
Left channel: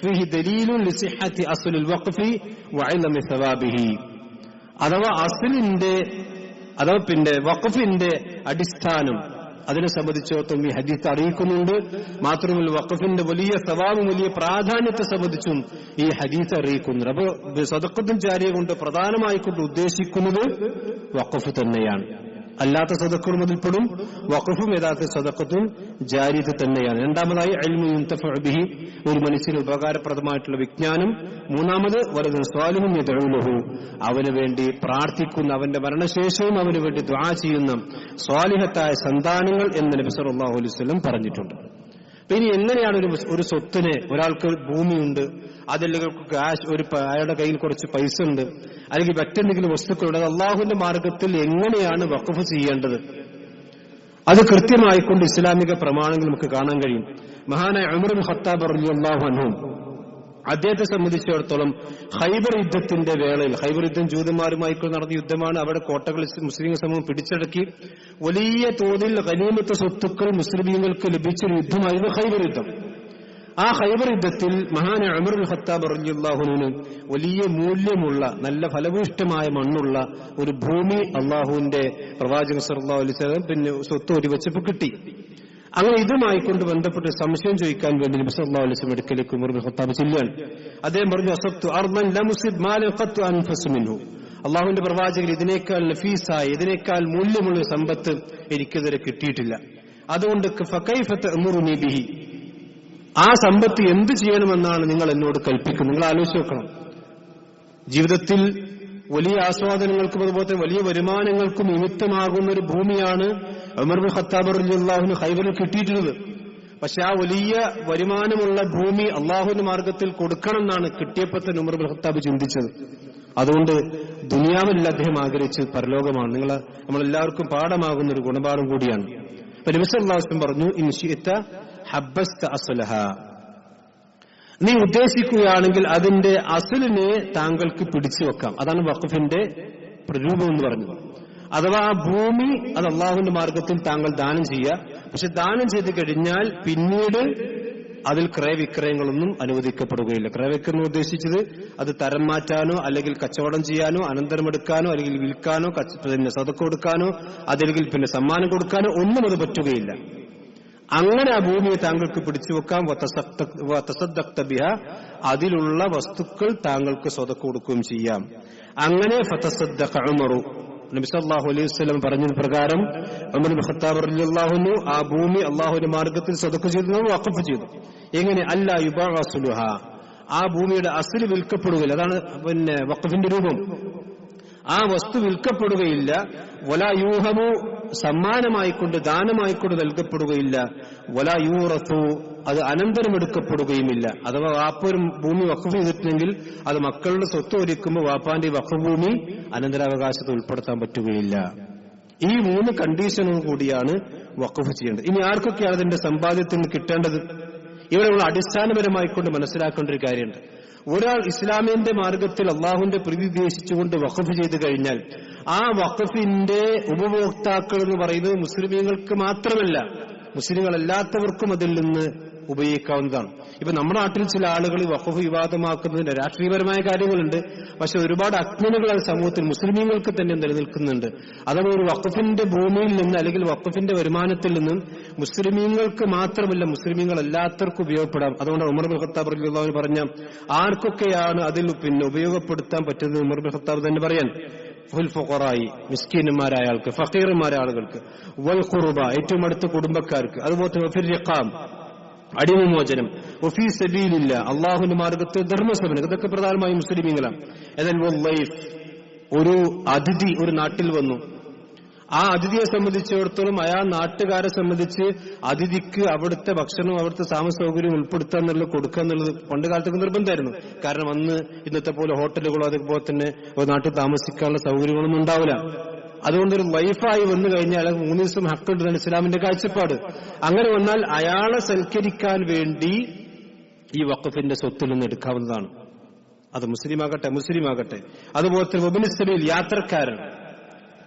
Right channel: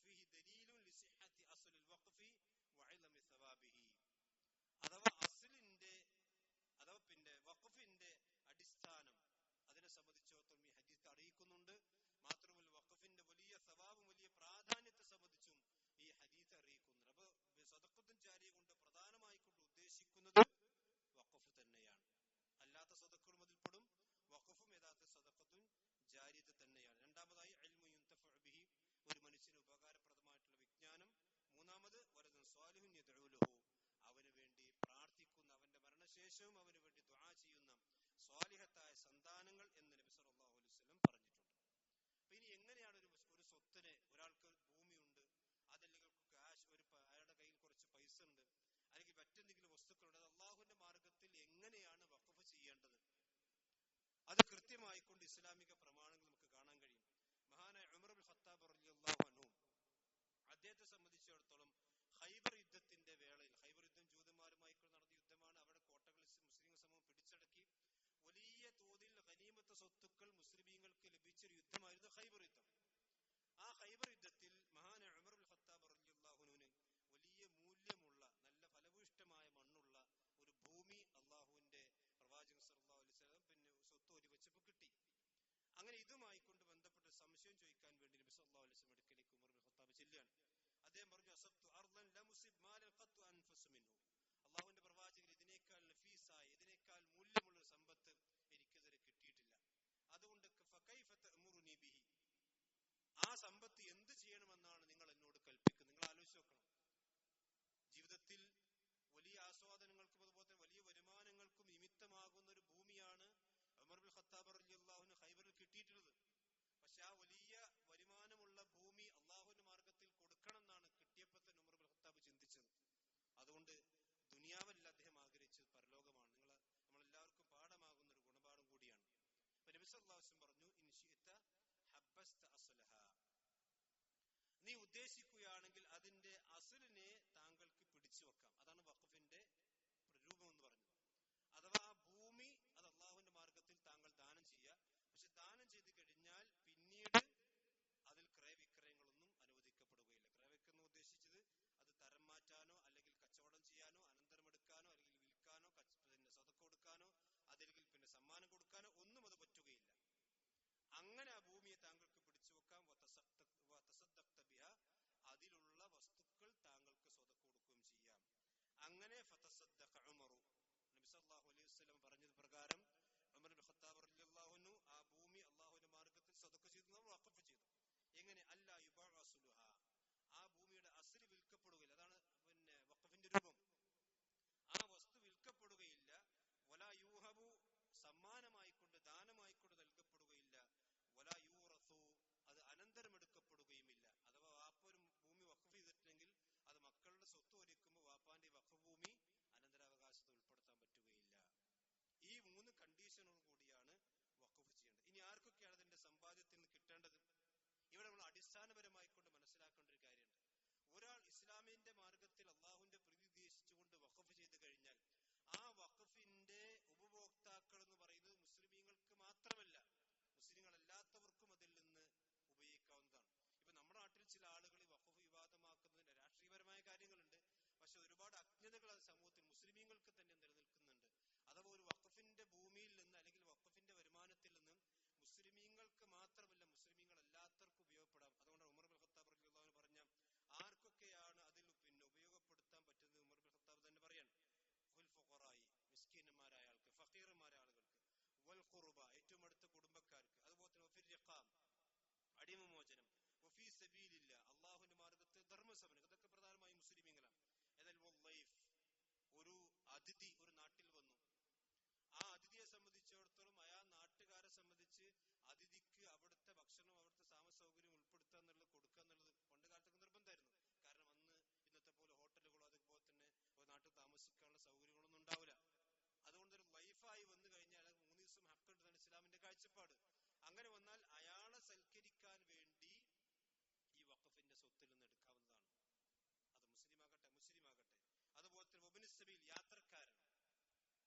ഫീഹി ദലീലുൻ ലിസിഹത്തി അസ്ലുൽ വഖഫി വഇലമി സവാബിഹി, അഥവാ വഖഫിന്റെ അടിസ്ഥാനം അതിനെ സംബന്ധിച്ചിടത്തോളം ഈ ഹദീസ് അറിയിക്കുന്നുണ്ട്. മാത്രമല്ല വഖഫിന്റെ വലിയ സവാബും വലിയ പ്രാധാന്യത്തെ സംബന്ധിച്ചും ഈ ഹദീസ് അറിയിക്കുന്നുണ്ട്. അപ്പോൾ സദഖത്തുൽ ജാരിയ കൊണ്ട് പ്രധാനമായിക്കൊണ്ട് ഉദ്ദേശിക്കുന്നത് വഖഫ് തന്നെയാണ്. അല്ലാത്ത സദഖകൾ മുതൽപ്പെടും, വഖഫും യഥാർത്ഥ സദഖത്തും ജാരിയത്ത് തന്നെയാണ്. രണ്ടാമതായി ഇൽമു യുൻതഫഉ ബിഹി, ഒരു മനുഷ്യന് ഉപകാരപ്രദമായിട്ടുള്ള വിജ്ഞാനം. മൂന്നാമത് വലദുൻ സ്വാലിഹുൻ യദ്ഉ ലഹു, അവന് വേണ്ടി പ്രാർത്ഥിക്കുന്ന, അവന്റെ മരണശേഷവും അവന് വേണ്ടി ദുആ ചെയ്യുന്ന സ്വാലിഹത്തായ സന്താനങ്ങൾ എന്ന് നബി സല്ലല്ലാഹു അലൈഹി വസല്ലം പറഞ്ഞിട്ടുണ്ട്. ഇനി എങ്ങനെയാണ് ഒരു സ്വത്തിനെ, ഒരാൾക്ക് ഭൂമിയുണ്ട്, അതല്ലെങ്കിൽ അയാളുടെ കയ്യിൽ കുറച്ച് പൈസ ഉണ്ട്, അല്ലെങ്കിൽ മറ്റെന്തെങ്കിലും വസ്തുക്കളുണ്ട്, അത് അള്ളാഹുവിന്റെ മാർഗത്തിൽ എങ്ങനെയാണ് വഖഫ് ചെയ്യേണ്ടത്? അത് കൃത്യമായിക്കൊണ്ട് ഇസ്ലാമിക പ്രമാണങ്ങൾ നമുക്ക് കാണാൻ കഴിയും. മഹാനായ ഉമർ ഇബ്നു ഖത്താബ് റളിയല്ലാഹു അൻഹു, അദ്ദേഹത്തെ സംബന്ധിച്ചിടത്തോളം ഖൈബർ യുദ്ധത്തിന്റെ വേളയിൽ, ഖൈബർ യുദ്ധം ജൂതന്മാരുമായി നടന്ന യുദ്ധമാണ്. അവിടെ കോട്ടകൾ മുസ്ലിം സമൂഹം പിടിച്ചടക്കി വലിയ തോതിൽ ഗനീമത്ത് സ്വത്തുക്കൾ മുസ്ലിമീങ്ങൾക്ക് ലഭിച്ചൊരു യുദ്ധമായിരുന്നു ഖൈബർ യുദ്ധം. ആ ഖൈബർ യുദ്ധത്തിൽ മഹാനായ ഉമർ ഇബ്നു ഖത്താബ് റളിയല്ലാഹു അൻഹു വലിയ മൂല്യമുള്ള, നല്ല ഫലഭൂയിഷ്ഠമായ മണ്ണുള്ള ഒരു ഭൂമി അള്ളാഹുവിന്റെ പ്രവാചകൻ സല്ലല്ലാഹു അലൈഹി വസല്ലം പിന്നെ സ്വത്ത് ഒരു വെച്ചപ്പോൾ കിട്ടി. അങ്ങനെ ഇതുമായിക്കൊണ്ട് ബന്ധപ്പെട്ട് സംശയം ചോദിക്കാൻ വേണ്ടി നബി സല്ലല്ലാഹു അലൈഹി വസല്ലം അടുക്കലേക്ക് ഉമർ ഇബ്നു ഖത്താബ് ചെല്ലുകയാണ്. അദ്ദേഹം പറഞ്ഞു, അസബ്തു അർദൻ ലം ഉസിബ് മാലൻ ഖത്തു അൻഫസു മിൻഹു, അള്ളാഹുവിന്റെ പ്രവാചകൻ ഇതിനേക്കാൾ നഫീസായ, ഇതിനേക്കാൾ മൂല്യമുള്ള സമ്പത്ത് എനിക്കിതുവരെ കിട്ടിയിട്ടില്ല. അതുകൊണ്ട് ഫകൈഫ തഅമുറുനി ബിഹി, ആ സമ്പത്ത് എന്ത് ചെയ്യണമെന്നാണ് നിങ്ങൾ എന്നോട് കൽപ്പിക്കുന്നത്? നിങ്ങൾ ആലോചിച്ച് നോക്കണം. ജീവിതത്തിൽ വലിയ ആസ്വാദനങ്ങൾക്കും അതുപോലെ വലിയ വരുമാനങ്ങൾക്കും നിമിത്തമാകുന്ന ഒരു ഭൂമിയാണ് ഉമർ ഇബ്നു ഖത്താബ് റളിയല്ലാഹു അൻഹു ഖൈബറിൽ കിട്ടിയിട്ടുള്ളത്. പക്ഷെ ആ വലിയ വരുമാനമുള്ള ഭൂമി അള്ളാഹുവിന്റെ മാർഗത്തിൽ കൊടുക്കണം എന്നാണ് കിട്ടിയപ്പോൾ തന്നെ ഉമർ ഇബ്നു ഖത്താബ് ചിന്തിച്ചത്. അതുകൊണ്ട് ദുനിയാവിൽ അദ്ദേഹം ആഗ്രഹിച്ച് പരലോകമാണ്. നമ്മളെല്ലാവർക്കും പാഠമാകുന്ന ഒരു ഗുണപാഠം കൂടിയാണ്. അപ്പൊ നബി സല്ലല്ലാഹു അലൈഹി വസല്ലം പറഞ്ഞു, ഇൻ ശിഅത ഹബ്ബസ്ത അസ്ലഹ, നീ ഉദ്ദേശിക്കുകയാണെങ്കിൽ അതിന്റെ അസ്ലിനെ താങ്കൾക്ക് പിടിച്ചു വെക്കാം. അതാണ് വഖഫിന്റെ പ്രരൂപം എന്ന് പറഞ്ഞത്. അഥവാ ആ ഭൂമി അത് അള്ളാഹുവിന്റെ മാർഗത്തിൽ താങ്കൾ ദാനം ചെയ്യുക. പക്ഷെ ദാനം ചെയ്ത് കഴിഞ്ഞാൽ പിന്നീട് അതിൽ ക്രയവിക്രയങ്ങളൊന്നും അനുവദിക്കപ്പെടുകയില്ല. ക്രയവിക്രയം ഉദ്ദേശിച്ചത് അത് തരം മാറ്റാനോ അല്ലെങ്കിൽ കച്ചവടം ചെയ്യാനോ അനന്തരമെടുക്കാനോ അല്ലെങ്കിൽ വിൽക്കാനോ പിന്നെ സദഖ കൊടുക്കാനോ അതല്ലെങ്കിൽ പിന്നെ സമ്മാനം കൊടുക്കാനോ ഒന്നും അത് പറ്റുകയില്ല. അങ്ങനെ ആ ഭൂമിയെ താങ്കൾക്ക് പിടിച്ചു വെക്കാം. വതസദ്ദഖ്ത ബിഹ, അതിലുള്ള വസ്തുക്കൾ താങ്കൾക്ക് സദഖ കൊടുക്കുകയും ചെയ്യാം. അങ്ങനെ ഫതസദ്ദഖ ഉമറു, നബി സല്ലല്ലാഹു അലൈഹി വസല്ലം പറഞ്ഞ പ്രകാരം ഉമർ ഇബ്നു ഖത്താബ് റളിയല്ലാഹു അൻഹു ആ ഭൂമി അല്ലാഹുവിന്റെ മാർഗത്തിൽ സദഖ ചെയ്തു, വഖഫ് ചെയ്തു. എങ്ങനെ? അല്ലാ യുബഅസുലുഹ, ആ ഭൂമിയുടെ അസ്ല് വിൽക്കപ്പെടുകയില്ല. അതാണ് പിന്നെ വഖഫിന്റെ രൂപം. ആ വസ്തു വിൽക്കപ്പെടുകയില്ല. വലാ യൂഹബു, സമ്മാനമായിക്കൊണ്ട് ദാനമായിക്കൊണ്ട് നൽകപ്പെടുകയില്ല. വലാ യൂറസു, അത് അനന്തരമെടുക്കപ്പെടുകയുമില്ല. അഥവാ വാപ്പൊരു ഭൂമി വഖഫ് ചെയ്തിട്ടുണ്ടെങ്കിൽ അത് മക്കളുടെ സ്വത്ത് ഒരുക്കുമ്പോൾ വാപ്പാന്റെ വഖഫ് ഭൂമി അനന്തരാവകാശത്തെ ഉൾപ്പെടുത്താൻ പറ്റുകയില്ല. ഈ 3 കണ്ടീഷനും കൂടിയാണ് വഖഫ് ചെയ്യേണ്ടത്. ഇനി ആർക്കൊക്കെയാണ് അതിന്റെ സമ്പാദ്യത്തിൽ നിന്ന് കിട്ടേണ്ടത്? ഇവിടെ നമ്മൾ അടിസ്ഥാനപരമായിക്കൊണ്ട് മനസ്സിലാക്കേണ്ട ഒരു കാര്യമുണ്ട്. ഒരാൾ ഇസ്ലാമിന്റെ മാർഗത്തിൽ അള്ളാഹുവിന്റെ പ്രീതി ഉദ്ദേശിച്ചുകൊണ്ട് വഖഫ് ചെയ്തു കഴിഞ്ഞാൽ ആ വഖഫിന്റെ ഉപഭോക്താക്കൾ എന്ന് പറയുന്നത് മുസ്ലിമീങ്ങൾക്ക് മാത്രമല്ല, മുസ്ലിങ്ങളല്ലാത്തവർക്കും അതിൽ നിന്ന് ഉപയോഗിക്കാവുന്നതാണ്. ഇപ്പൊ നമ്മുടെ നാട്ടിൽ ചില ആളുകൾ വഖഫ് വിവാദമാക്കുന്നതിന്റെ രാഷ്ട്രീയപരമായ കാര്യങ്ങളുണ്ട്. പക്ഷെ ഒരുപാട് അജ്ഞതകൾ സമൂഹത്തിൽ മുസ്ലിമീങ്ങൾക്ക് തന്നെ നിലനിൽക്കുന്നുണ്ട്. അഥവാ ഒരു വഖഫിന്റെ ഭൂമിയിൽ നിന്ന് അല്ലെങ്കിൽ വഖഫിന്റെ വരുമാനത്തിൽ നിന്നും മുസ്ലിമീങ്ങൾക്ക് മാത്രമല്ല മുസ്ലിമീങ്ങൾ എല്ലാത്തവർക്കും ഉപയോഗപ്പെടാം. അതുകൊണ്ട് ഉമർ ഇബ്നു ഖത്താബ് റളിയല്ലാഹു അൻഹു പറഞ്ഞ ആർക്കൊക്കെയാണ് അതിൽ ഉപയോഗപ്പെടുത്താൻ പറ്റുന്നത് ഉമർ ഇബ്നു ഖത്താബ് തന്നെ പറയാൻ, ഫുൽ ഫുഖറായി, മിസ്കീനന്മാരായ ആൾക്ക്, ഫഖീർമാരായ ആളുകൾക്ക്, വൽ ഖുർബ, ഏറ്റവും അടുത്ത കുടുംബക്കാർക്ക്, അതുപോലെ ഫിർ റിഖാം, അടിമമോചനം, വഫീ സബീലില്ല, അള്ളാഹുവിന്റെ മാർഗത്തിൽ ധർമ്മസമരം, ഇതൊക്കെ പ്രധാനമായും മുസ്ലിമീങ്ങളാണ്. എന്നാൽ വല്ലൈഫ്, ഒരു അതിഥി ഒരു നാട്ടിൽ വന്നു, ആ അതിഥിയെ സംബന്ധിച്ചിടത്തോളം അയാൾ നാട്ടുകാരെ സംബന്ധിച്ച് അതിഥിക്ക് അവിടുത്തെ ഭക്ഷണവും അവിടുത്തെ താമസ സൗകര്യം ഉൾപ്പെടുത്തുക എന്നുള്ളത്, കൊടുക്കുക എന്നുള്ളത് പണ്ട് കാലത്തൊക്കെ നിർബന്ധമായിരുന്നു. കാരണം അന്ന് ഇന്നത്തെ പോലെ ഹോട്ടലുകളോ അതുപോലെ തന്നെ ഒരു നാട്ടിൽ താമസിക്കാനുള്ള സൗകര്യങ്ങളൊന്നും ഉണ്ടാവില്ല. അതുകൊണ്ടൊരു വൈഫായി വന്നു കഴിഞ്ഞാൽ 3 ദിവസം ഹക്കുണ്ടെന്നാണ് ഇസ്ലാമിന്റെ കാഴ്ചപ്പാട്. അങ്ങനെ വന്നാൽ അയാളെ സൽക്കരിക്കാൻ വേണ്ടി ഈ വഖഫിന്റെ സ്വത്തിൽ നിന്ന് എടുക്കാവുന്നതാണ്. അത് മുസ്ലിമാകട്ടെ. അതുപോലെ തന്നെ വബ്നു സബീൽ,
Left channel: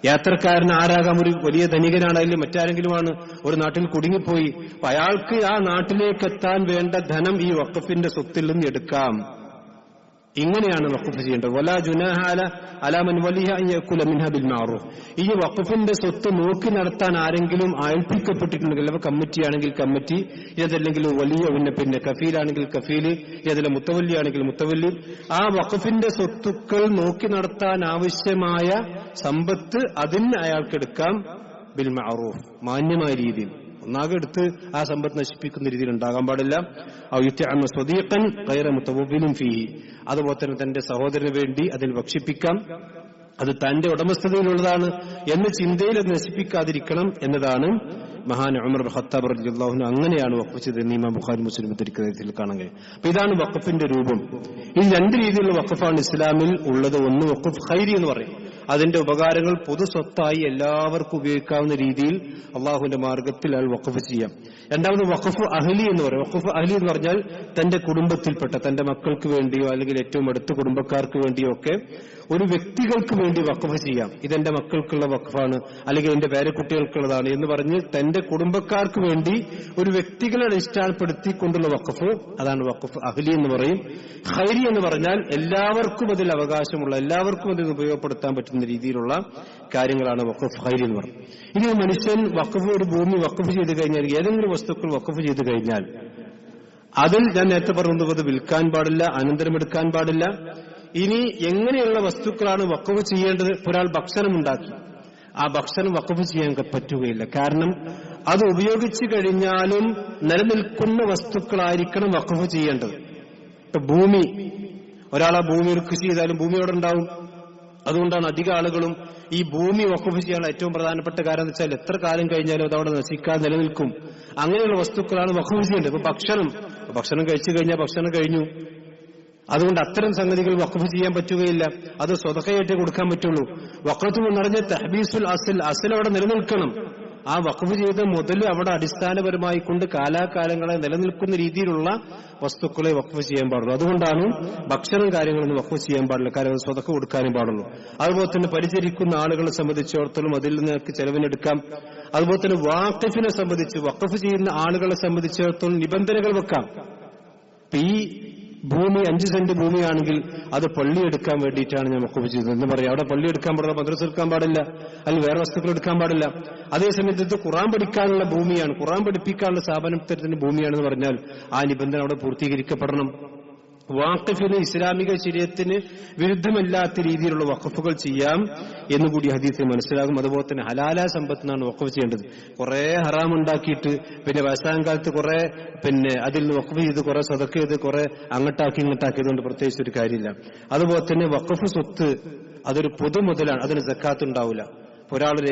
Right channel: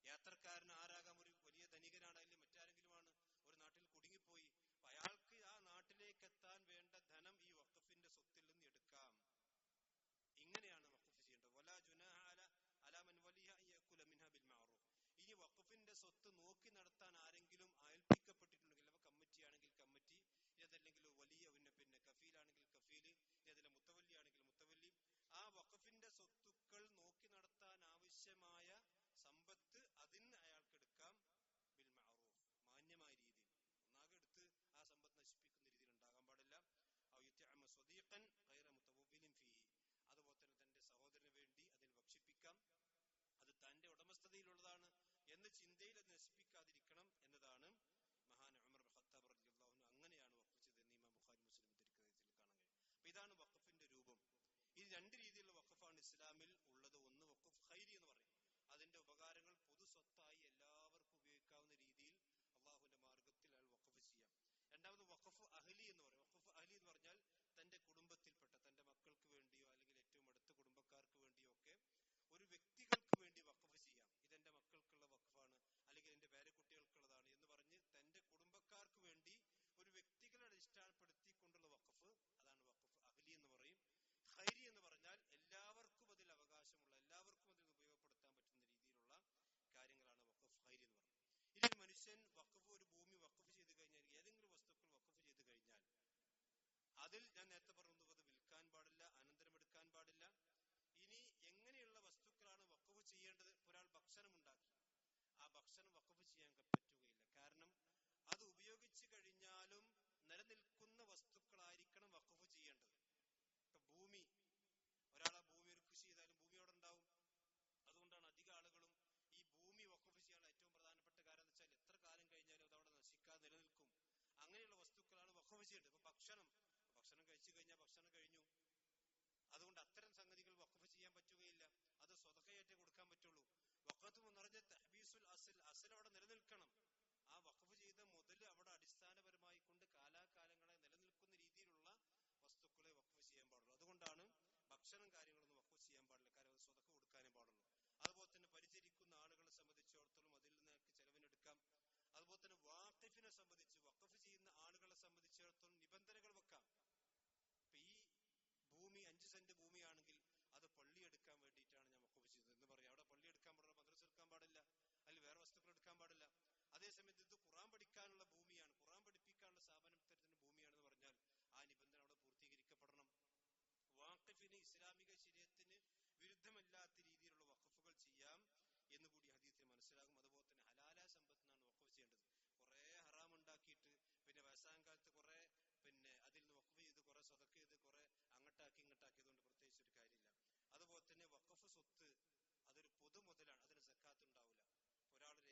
യാത്രക്കാരൻ ആരാകാം, ഒരു വലിയ ധനികനാണെങ്കിലും മറ്റാരെങ്കിലുമാണ് ഒരു നാട്ടിൽ കുടുങ്ങിപ്പോയി, അപ്പൊ അയാൾക്ക് ആ നാട്ടിലേക്ക് എത്താൻ വേണ്ട ധനം ഈ വഖഫിന്റെ സ്വത്തിൽ നിന്ന് എടുക്കാം. ഇങ്ങനെയാണ് വഖഫ് ചെയ്യേണ്ടത്. വലാ ജുനാഹ അലാ മൻ വലിയ അൻ യഅകുല മിൻഹാ ബിൽ മഅറൂഫ്. ഈ വഖഫിന്റെ സ്വത്ത് നോക്കി നടത്താൻ ആരെങ്കിലും ഏൽപ്പിക്കപ്പെട്ടിട്ടുണ്ടെങ്കിൽ, അപ്പൊ കമ്മിറ്റിയാണെങ്കിൽ കമ്മിറ്റി, ഇതല്ലെങ്കിൽ വലിയ പിന്നെ കഫീലാണെങ്കിൽ കഫീല്, ഇതിലെ മുത്തവല്ലി ആണെങ്കിൽ മുത്തവല്ലി, ആ വഖഫിന്റെ സ്വത്തുക്കൾ നോക്കി നടത്താൻ ആവശ്യമായ സമ്പത്ത് അതിന് അയാൾക്കെടുക്കാം ബിൽ മഅറൂഫ്, മാന്യമായ രീതിയിൽ. ഒന്നാകെ എടുത്ത് ആ സമ്പത്ത് നശിപ്പിക്കുന്ന രീതിയിൽ ഉണ്ടാകാൻ പാടില്ല. അതുപോലെ തന്നെ തന്റെ സഹോദരന് വേണ്ടി അതിൽ ഭക്ഷിപ്പിക്കാം, അത് തന്റെ ഉടമസ്ഥതയിലുള്ളതാണ് എന്ന ചിന്തയിൽ അത് നശിപ്പിക്കാതിരിക്കണം എന്നതാണ് മഹാൻ ഉമർ ഇബ്നു ഖത്താബ് റളിയല്ലാഹു അൻഹു അങ്ങനെയാണ് വഖഫ് ചെയ്തത്. ഇമാം ബുഖാരി മുസ്ലിം ഉദ്ധരിക്കുന്നതിൽ കാണാൻ കഴിയും. അപ്പൊ ഇതാണ് വഖഫിന്റെ രൂപം. ഈ 2 രീതിയിലുള്ള വഖഫാണ് ഇസ്ലാമിൽ ഉള്ളത്. ഒന്ന് വഖഫ് ഖൈരി എന്ന് പറയും, അതിന്റെ ഉപകാരങ്ങൾ പൊതു സ്വത്തായി എല്ലാവർക്കും ഉപയോഗിക്കാവുന്ന രീതിയിൽ അള്ളാഹുവിന്റെ മാർഗത്തിൽ അയാൾ വഖഫ് ചെയ്യാം. രണ്ടാമത് വഖഫ് അഹ്ലി എന്ന് പറയും. വഖഫ് അഹ്ലി എന്ന് പറഞ്ഞാൽ തന്റെ കുടുംബത്തിൽപ്പെട്ട തന്റെ മക്കൾക്ക് വേണ്ടിയോ അല്ലെങ്കിൽ ഏറ്റവും അടുത്ത കുടുംബക്കാർക്ക് വേണ്ടിയോ ഒക്കെ ഒരു വ്യക്തികൾക്ക് വേണ്ടി വഖഫ് ചെയ്യാം. ഇതെന്റെ മക്കൾക്കുള്ള വഖഫാണ് അല്ലെങ്കിൽ എന്റെ പേരക്കുട്ടികൾക്കുള്ളതാണ് എന്ന് പറഞ്ഞ് തന്റെ കുടുംബക്കാർക്ക് വേണ്ടി ഒരു വ്യക്തികളെ അടിസ്ഥാനപ്പെടുത്തിക്കൊണ്ടുള്ള വഖഫ്, അതാണ് വഖഫ് അഹ്ലി എന്ന് പറയും. ഖൈരി എന്ന് പറഞ്ഞാൽ എല്ലാവർക്കും അതിൽ അവകാശമുള്ള, എല്ലാവർക്കും അതിൽ ഉപയോഗപ്പെടുത്താൻ പറ്റുന്ന രീതിയിലുള്ള കാര്യങ്ങളാണ് വഖഫ് ഖൈരി എന്ന് പറയും. ഇനി മനുഷ്യൻ ഒരു ഭൂമി വഖഫ് ചെയ്ത് കഴിഞ്ഞാൽ, ഏതെങ്കിലും വസ്തുക്കൾ വഖഫ് ചെയ്ത് കഴിഞ്ഞാൽ അതിൽ ഞാൻ നേരത്തെ പറഞ്ഞത് അത് വിൽക്കാൻ പാടില്ല, അനന്തരമെടുക്കാൻ പാടില്ല. ഇനി എങ്ങനെയുള്ള വസ്തുക്കളാണ് വഖഫ് ചെയ്യേണ്ടത്? ഒരാൾ ഭക്ഷണം ഉണ്ടാക്കി, ആ ഭക്ഷണം വഖഫ് ചെയ്യാൻ പറ്റുകയില്ല. കാരണം അത് ഉപയോഗിച്ചു കഴിഞ്ഞാലും നിലനിൽക്കുന്ന വസ്തുക്കളായിരിക്കണം വഖഫ് ചെയ്യേണ്ടത്. ഇപ്പൊ ഭൂമി, ഒരാൾ ആ ഭൂമിയിൽ കൃഷി ചെയ്താലും ഭൂമി അവിടെ ഉണ്ടാവും. അതുകൊണ്ടാണ് അധിക ആളുകളും ഈ ഭൂമി വഖഫ് ചെയ്യാനുള്ള ഏറ്റവും പ്രധാനപ്പെട്ട കാര്യം എന്ന് വെച്ചാൽ എത്ര കാലം കഴിഞ്ഞാലും അത് അവിടെ നശിക്കാതെ നിലനിൽക്കും. അങ്ങനെയുള്ള വസ്തുക്കളാണ് വഖഫ് ചെയ്യേണ്ടത്. ഇപ്പൊ ഭക്ഷണം കഴിച്ചു കഴിഞ്ഞാൽ ഭക്ഷണം കഴിഞ്ഞു. അതുകൊണ്ട് അത്തരം സംഗതികൾ വഖഫ് ചെയ്യാൻ പറ്റുകയില്ല. അത് സ്വതക്കയായിട്ടേ കൊടുക്കാൻ പറ്റുള്ളൂ. വഖഫ് എന്ന് പറഞ്ഞ തഹ്ബീസുൽ അസ്ൽ അവിടെ നിലനിൽക്കണം. ആ വഖഫ് ചെയ്ത മുതൽ അവിടെ അടിസ്ഥാനപരമായി കൊണ്ട് കാലാകാലങ്ങളെ നിലനിൽക്കുന്ന രീതിയിലുള്ള വസ്തുക്കളെ വഖഫ് ചെയ്യാൻ പാടുള്ളൂ. അതുകൊണ്ടാണ് ഭക്ഷണം കാര്യങ്ങളൊന്നും വഖഫ് ചെയ്യാൻ പാടില്ല. കാരണം സ്വതക്ക കൊടുക്കാനും പാടുള്ളൂ. അതുപോലെ തന്നെ പരിചരിക്കുന്ന ആളുകളെ സംബന്ധിച്ചിടത്തോളം അതിൽ നിന്നൊക്കെ ചെലവിനെടുക്കാം. അതുപോലെ തന്നെ വാഖിഫിനെ സംബന്ധിച്ച്, വഖഫ് ചെയ്യുന്ന ആളുകളെ സംബന്ധിച്ചിടത്തോളം നിബന്ധനകൾ വെക്കാം. ഈ ഭൂമി 5 സെന്റ് ഭൂമിയാണെങ്കിൽ അത് പള്ളി എടുക്കാൻ വേണ്ടിയിട്ടാണ് ഞാൻ വഖഫ് ചെയ്തത് എന്ന് പറയാം. അവിടെ പള്ളി എടുക്കാൻ പാടില്ല, മദ്രസ എടുക്കാൻ പാടില്ല, അല്ലെങ്കിൽ വേറെ വസ്തുക്കൾ എടുക്കാൻ പാടില്ല. അതേസമയത്ത് ഇത് ഖുർആൻ പഠിക്കാനുള്ള ഭൂമിയാണ്, ഖുർആൻ പഠിപ്പിക്കാനുള്ള സ്ഥാപനത്തിന്റെ ഭൂമിയാണെന്ന് പറഞ്ഞാൽ ആ നിബന്ധന അവിടെ പൂർത്തീകരിക്കപ്പെടണം. വാഖിഫിന് ഇസ്ലാമിക ശരീഅത്തിന് വിരുദ്ധമല്ലാത്ത രീതിയിലുള്ള വഖഫുകൾ ചെയ്യാം എന്നുകൂടി ഹദീസിൽ മനസ്സിലാകും. അതുപോലെ തന്നെ ഹലാലായ സമ്പത്തിനാണ് വഖഫ് ചെയ്യേണ്ടത്. കുറെ ഹറാം ഉണ്ടാക്കിയിട്ട് പിന്നെ വയസ്സാകാലത്ത് കുറെ അതിൽ നിന്ന് വഖഫ് ചെയ്ത് കുറെ സദഖ ചെയ്ത് കുറെ അങ്ങോട്ടാക്കി ഇങ്ങോട്ടാക്കിയതുകൊണ്ട് പ്രത്യേകിച്ച് ഒരു കാര്യമില്ല. അതുപോലെ തന്നെ വഖഫ് സ്വത്ത് അതൊരു പൊതുമുതലാണ്, അതിന് സക്കാത്ത് ഉണ്ടാവില്ല. ഒരാളൊരു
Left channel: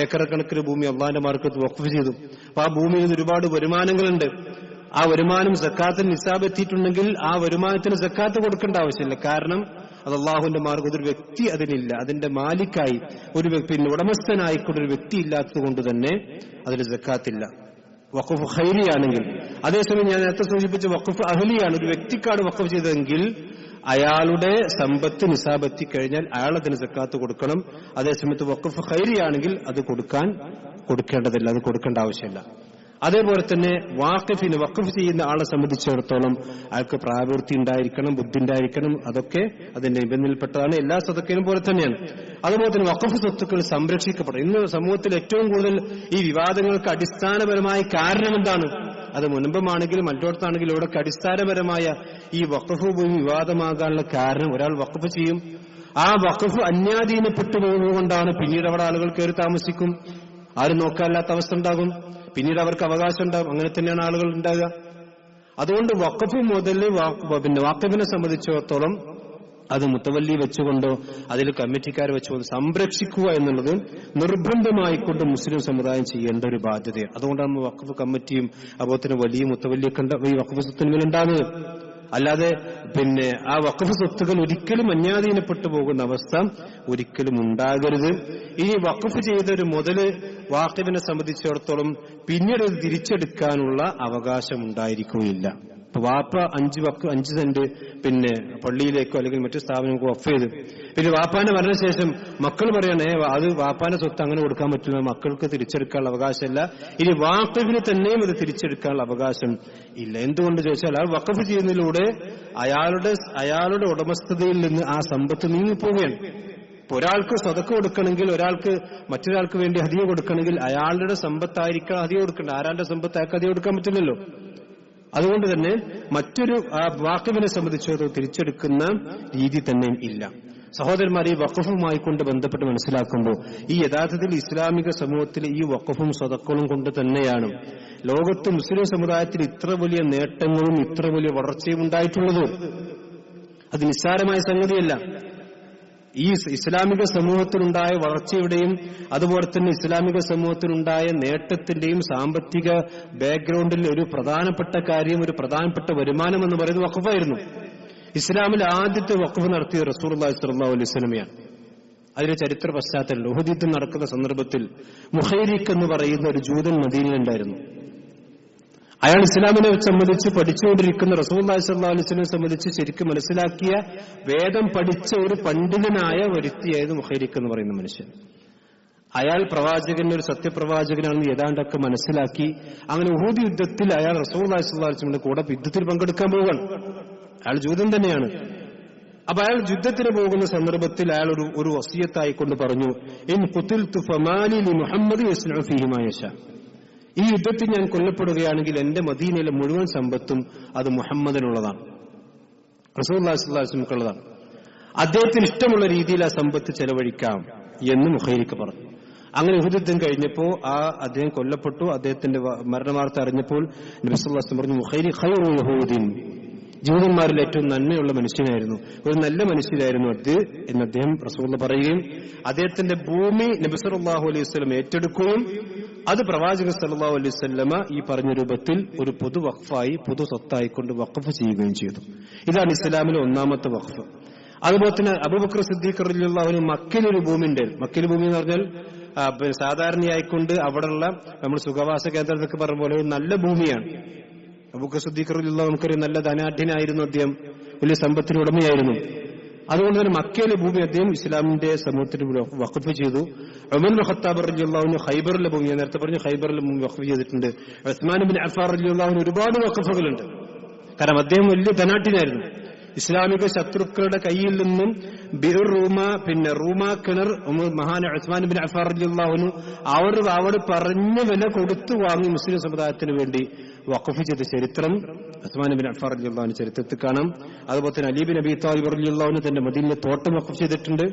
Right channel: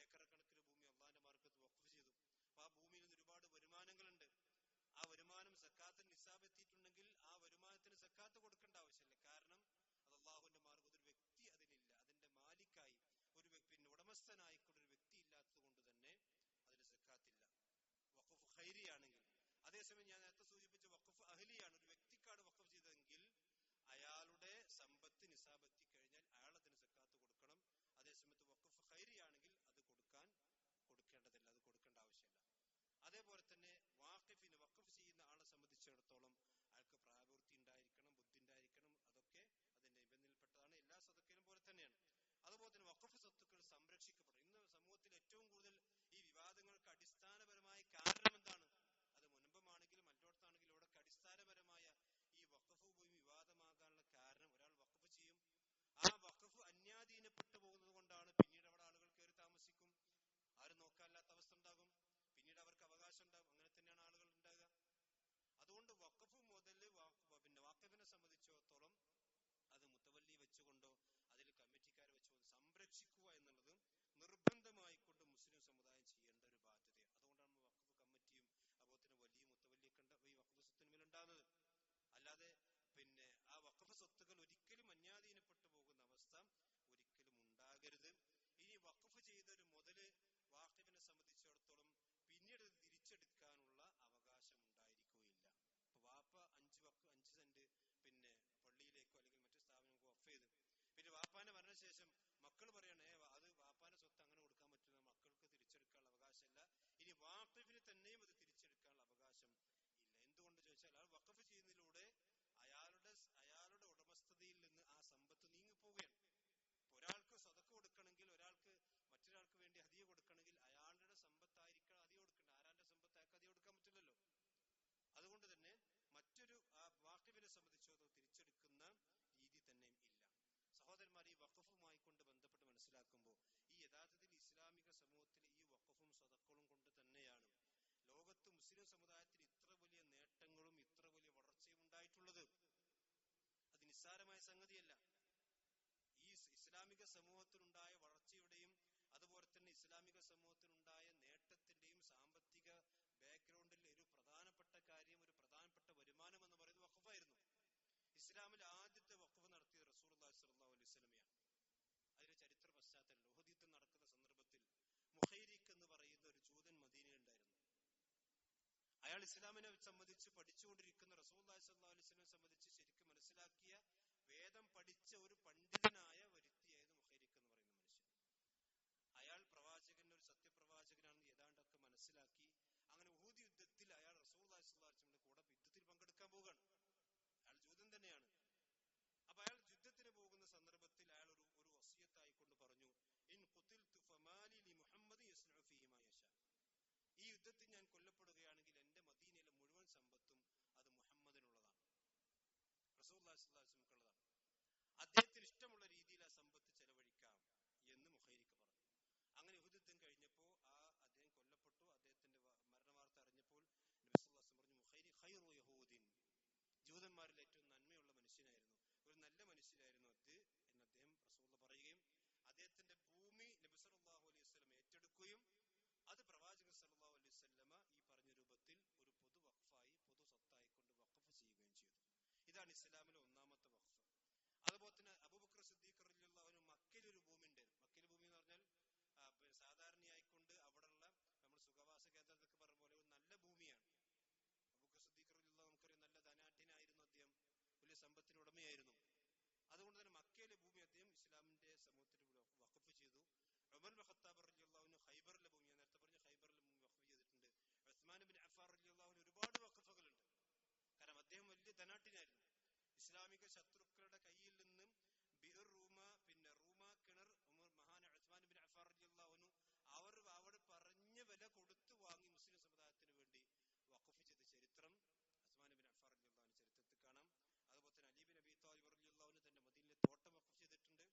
ഏക്കറ കണക്കിന് ഭൂമി അള്ളാന്റെ മാർക്കത്ത് വഖഫ് ചെയ്തു. അപ്പൊ ആ ഭൂമിയിൽ നിന്ന് ഒരുപാട് വരുമാനങ്ങളുണ്ട്. ആ വരുമാനം സക്കാത്തിന് നിസാബ് എത്തിയിട്ടുണ്ടെങ്കിൽ ആ വരുമാനത്തിന് സക്കാത്ത് കൊടുക്കേണ്ട ആവശ്യമില്ല. കാരണം അത് അള്ളാഹുവിന്റെ മാർഗ്ഗം, ഒരു വ്യക്തി അതിനില്ല, അതിന്റെ മാലിക്കായി പിന്നെ ഉടമസ്ഥനായിക്കൊണ്ട് ഒരു വ്യക്തി ഇല്ലാത്തത് കൊണ്ട് തന്നെ അതിന് സക്കാത്തില്ല. വഖഫ് ഖൈരിയാണെങ്കിൽ. അതേസമയം ഞാൻ നേരത്തെ സൂചിപ്പിച്ച വഖഫ് അഹ്ലിയാണ്, ഒരു വ്യക്തിക്കാണ് വഖഫ് ചെയ്തതെങ്കിൽ അയാളുടെ സമ്പത്ത് നിസാബ് എത്തിക്കഴിഞ്ഞാൽ അയാൾ അതിന് സക്കാത്ത് കൊടുക്കണം. അതേസമയത്ത് വഖഫ് ഖൈരിയാണെങ്കിൽ അത് കൊടുക്കേണ്ടതില്ല, അത് കൊടുക്കേണ്ട ആവശ്യമില്ല. അതേപോലെ തന്നെ വാഖിഫിന് വഖഫ് ചെയ്യുന്ന ആളെ സംബന്ധിച്ചിടത്തോളം അയാൾക്ക് പ്രായപൂർത്തി ഉണ്ടായിരിക്കണം, ബുദ്ധി ഉണ്ടായിരിക്കണം. അതൊക്കെ അതിന്റെ നിബന്ധനയിൽപ്പെട്ടതാണ്. എല്ലാ സദക്കയിലും പോലെ തന്നെയാണ്. അതുപോലെ തന്നെ വഖഫ് സ്വത്തുക്കൾ സംരക്ഷിക്കപ്പെടും. ഇന്ന് സമൂഹത്തിൽ ഏറ്റവും കൂടുതൽ ഈ വിവാദങ്ങൾക്ക് അടിസ്ഥാനപരമായ കാരണം എന്താണ്? അത് മുൻപമാണെങ്കിലും മറ്റോടത്താണെങ്കിലും ഇവിടൊക്കെ അടിസ്ഥാനപരമായ ഈ വഖഫ് ഭൂമി വിവാദമാകാനുള്ള കാരണം, ഒരാൾ വഖഫ് ചെയ്യും, ആ വഖഫ് അന്യാധീനപ്പെട്ടു പോകുന്നതുകൊണ്ടാണ്. പിന്നീട് അവിടെ ആളുകൾ കയറി താമസിക്കും, ആരും നോക്കാനില്ലാത്ത അവസ്ഥ ഉണ്ടാകും, പിന്നീട് അവർക്ക് അവകാശം ഉണ്ടാകും. അങ്ങനെ തന്നെയാണ് ആളുകൾ ഉണ്ടാകുക. അതുകൊണ്ട് വഖഫ് മുതൽ വാഖിഫിനെ സംബന്ധിച്ചിടത്തോളം അത് മുത്തവല്ലി വെച്ചുകൊണ്ടോ അതിൽ കമ്മിറ്റിക്കാർ വെച്ചുകൊണ്ടോ സംരക്ഷിക്കുക എന്നുള്ളത് നിർബന്ധമായിക്കൊണ്ട് മുസ്ലിം സമുദായം ചെയ്യേണ്ട ഒരു ബാധ്യതയാണ്. അതുകൊണ്ടാണ് വഖഫ് കമ്മിറ്റിയും അതുപോലെ തന്നെ വലിയ മുത്തവല്ലിയൊക്കെ ഈ വഖഫ് സ്വത്തിന് ഉണ്ടാകുന്നത്. അല്ലാതെ ആ വഖഫ് സ്വത്തുകൾ ഒരിക്കലും അന്യാധീനപ്പെട്ടു പോകുന്ന അവസ്ഥ ഒരിക്കലും ഉണ്ടാകരുത്. ഇനി വഖഫ് ചെയ്തൊരു മുതല് വാഖിഫിനെ സംബന്ധിച്ചിടത്തോളം പിന്നീട് അത് തിരിച്ചെടുക്കാനുള്ള അവകാശം ഉണ്ടായിരിക്കുകയില്ല. ഇപ്പൊ വാപ്പ 5 സെന്റ് പള്ളിയിലേക്കോ അല്ലെങ്കിൽ മറ്റു സ്ഥാപനങ്ങൾക്കോ വഖഫ് ചെയ്ത് പിന്നെ വാപ്പാന്റെ മരണശേഷം മക്കൾ പറയണേ അത് വാപ്പാന്റെ സ്വത്ത് അങ്ങനെ കൊടുക്കാൻ പറ്റില്ല, മക്കൾക്ക് തിരിച്ചെടുക്കാനുള്ള അവകാശമില്ല. ഇനി വാഖിഫിന് തന്നെയും അത് തിരിച്ചെടുക്കാനുള്ള അവകാശം ഇല്ല. എന്തുകൊണ്ട് ചോദിച്ചാൽ ആ വഖഫ് ചെയ്യുന്നതിലൂടെ അയാളുടെ ഉടമസ്ഥതയിൽ നിന്ന് ആ സമ്പത്ത് നീങ്ങിപ്പോവുകയാണ്. ഇപ്പൊ ഒരാൾക്ക് സദഖ കൊടുക്കണമെങ്കിൽ, ഒരാൾക്ക് മറ്റൊരാൾക്ക് വേണ്ടി ഹദിയ കൊടുക്കണമെങ്കിൽ അയാളുടെ സമ്പത്തായിരിക്കണം ഹദിയ കൊടുക്കേണ്ടത്. ആരാളുടെ സമ്പത്ത് അയാൾക്ക് ഹദിയ കൊടുക്കാൻ പറ്റില്ലല്ലോ. അതുകൊണ്ട് തന്നെ മറ്റൊരു വാഖിഫിനെ സംബന്ധിച്ചിടത്തോളം തിരിച്ചെടുക്കുന്ന രീതി തന്നെ ഇല്ല. സഹോദരന്മാർ, ഈ വഖഫുമായി കൊണ്ട് ബന്ധപ്പെട്ട് മനസ്സിലാക്കുമ്പോൾ ഈ യഥാർത്ഥത്തിൽ ഇസ്ലാമിക സമൂഹത്തിൽ ഈ വഖഫും സദഖകളും കൊണ്ട് തന്നെയാണ് ലോകത്ത് മുസ്ലിം സമുദായത്തിൽ ഇത്ര വലിയ നേട്ടങ്ങളും ഇത്ര വലിയ വളർച്ചയും ഉണ്ടായിട്ടുള്ളത്. അത് നിസ്സാരമായ സംഗതിയല്ല. ഈ ഇസ്ലാമിക സമൂഹത്തിനുണ്ടായ വളർച്ചയുടെയും അതുപോലെ തന്നെ ഇസ്ലാമിക സമൂഹത്തിനുണ്ടായ നേട്ടത്തിന്റെയും സാമ്പത്തിക ബാക്ക്ഗ്രൗണ്ടിൽ ഒരു പ്രധാനപ്പെട്ട കാര്യം, ഒരു പ്രധാനപ്പെട്ട വരുമാനം എന്ന് പറയുന്നത് വഖഫായിരുന്നു. ഇസ്ലാമിൽ ആദ്യത്തെ വഖഫ് നടത്തിയ റസൂലുള്ളാഹി സ്വല്ലല്ലാഹു അലൈഹി വസല്ലമയാണ്. അതിന്റെ ചരിത്ര പശ്ചാത്തലം ഉഹദ് യുദ്ധം നടക്കുന്ന സന്ദർഭത്തിൽ മുഖൈരിഖ് എന്ന് പറയുന്ന ഒരു ജൂതൻ മദീനയിലുണ്ടായിരുന്നു. അയാൾ ഇസ്ലാമിനെ സംബന്ധിച്ച് പഠിച്ചുകൊണ്ടിരിക്കുന്ന റസൂലുള്ളാഹി സ്വല്ലല്ലാഹു അലൈഹി വസല്ലമയെ സംബന്ധിച്ച് ശരിക്കും മനസ്സിലാക്കിയ വേദം പഠിച്ച ഒരു പണ്ഡിതനായ വ്യക്തിയായിരുന്നു മുഖൈരിഖ് എന്ന് പറയുന്ന മനുഷ്യൻ. അയാൾ ഒരു സത്യപ്രവാചകനാണെന്ന് ഏതാണ്ടൊക്കെ മനസ്സിലാക്കി. അങ്ങനെ ഉഹദ് യുദ്ധത്തിൽ അയാൾ റസൂലുള്ളാഹി സ്വല്ലല്ലാഹു അലൈഹി വസല്ലമയുടെ കൂടെ യുദ്ധത്തിൽ പങ്കെടുക്കാൻ പോവുകയാണ്. അയാൾ ജൂതൻ തന്നെയാണ്. അപ്പൊ അയാൾ യുദ്ധത്തിന് പോകുന്ന സന്ദർഭത്തിൽ അയാൾ ഒരു വസിയത്തായിക്കൊണ്ട് പറഞ്ഞു, ഇൻ ഖുതിൽതു ഫമാലി ലി മുഹമ്മദ് യസ്നഉ ഫീഹി മാ യശാ. ഈ യുദ്ധത്തിൽ ഞാൻ കൊല്ലപ്പെടുകയാണെങ്കിൽ എന്റെ മദീനയിലെ മുഴുവൻ സമ്പത്തും അത് മുഹമ്മദിനുള്ളതാണ്, റസൂലുള്ളാഹി സ്വല്ലല്ലാഹു അലൈഹി വസല്ലമക്കുള്ളതാണ്. അദ്ദേഹത്തിന് ഇഷ്ടമുള്ള രീതിയിൽ ആ സമ്പത്ത് ചെലവഴിക്കാം എന്ന് മുഖൈരിഖ് പറഞ്ഞു. അങ്ങനെ ഉഹദ് യുദ്ധം കഴിഞ്ഞപ്പോ അദ്ദേഹം കൊല്ലപ്പെട്ടു. അദ്ദേഹത്തിന്റെ മരണവാർത്ത അറിഞ്ഞപ്പോൾ നബി സല്ലല്ലാഹു അലൈഹി വസല്ലം പറഞ്ഞു, മുഖൈരിഖ് ഖൈറു യഹൂദിൻ, ജൂതന്മാരിൽ ഏറ്റവും നന്മയുള്ള മനുഷ്യനായിരുന്നു, ഒരു നല്ല മനുഷ്യനായിരുന്നു അത് എന്ന് അദ്ദേഹം റസൂലുള്ളാഹി പറയുകയും അദ്ദേഹത്തിന്റെ ഭൂമി നബി സല്ലല്ലാഹു അലൈഹി വസല്ലം ഏറ്റെടുക്കുകയും അത് പ്രവാചകൻ സല്ലല്ലാഹു അലൈഹി വസല്ലമ ഈ പറഞ്ഞ രൂപത്തിൽ ഒരു പൊതു വഖഫായി പൊതു സ്വത്തായിക്കൊണ്ട് വഖഫ് ചെയ്യുകയും ചെയ്തു. ഇതാണ് ഇസ്ലാമിലെ ഒന്നാമത്തെ വഖഫ്. അതുപോലെ തന്നെ അബൂബക്കർ സിദ്ദീഖ് റളിയല്ലാഹു അൻഹു മക്കയിലൊരു ഭൂമി ഉണ്ടായിരുന്നു. മക്കയിലെ ഭൂമി എന്ന് പറഞ്ഞാൽ സാധാരണയായിക്കൊണ്ട് അവിടെയുള്ള നമ്മൾ സുഖവാസ കേന്ദ്രത്തൊക്കെ പറഞ്ഞ പോലെ നല്ല ഭൂമിയാണ്. അബൂബക്കർ സിദ്ദീഖ് റളിയല്ലാഹു അൻഹു നമുക്കൊരു നല്ല ധനാഢ്യനായിരുന്നു, അദ്ദേഹം വലിയ സമ്പത്തിന് ഉടമയായിരുന്നു. അതുകൊണ്ട് തന്നെ മക്കയിലെ ഭൂമി അദ്ദേഹം ഇസ്ലാമിന്റെ സമൂഹത്തിന് വഖഫ് ചെയ്തു. ഉമർ ഇബ്നു ഖത്താബ് റളിയല്ലാഹു അൻഹു ഖൈബറിലെ ഭൂമി, ഞാൻ നേരത്തെ പറഞ്ഞു ഖൈബറിലെ ഭൂമി വഖഫ് ചെയ്തിട്ടുണ്ട്. ഉസ്മാൻ ഇബ്നു അഫ്ഫാൻ റളിയല്ലാഹു അൻഹു ഒരുപാട് വഖഫുകളുണ്ട്. കാരണം അദ്ദേഹം വലിയ ധനാഢ്യനായിരുന്നു. ഇസ്ലാമിക ശത്രുക്കളുടെ കയ്യിൽ നിന്നും ബിർ റൂമ, പിന്നെ റൂമ കിണർ മഹാൻ ഉസ്മാൻ ബിൻ അഫ്ഫാൻ റളിയല്ലാഹു അൻഹു അവർ പറഞ്ഞ വില കൊടുത്തു വാങ്ങി മുസ്ലിം സമുദായത്തിന് വേണ്ടി വഖഫ് ചെയ്ത ചരിത്രം ഉസ്മാൻ ബിൻ അഫ്ഫാൻ റളിയല്ലാഹു അൻഹു ചരിത്രത്തിൽ കാണാം. അതുപോലെ തന്നെ അലി ബിൻ അബി ത്വാലിബ് റളിയല്ലാഹു അൻഹു തന്റെ മദീനയിലെ തോട്ടം വഖഫ് ചെയ്തിട്ടുണ്ട്.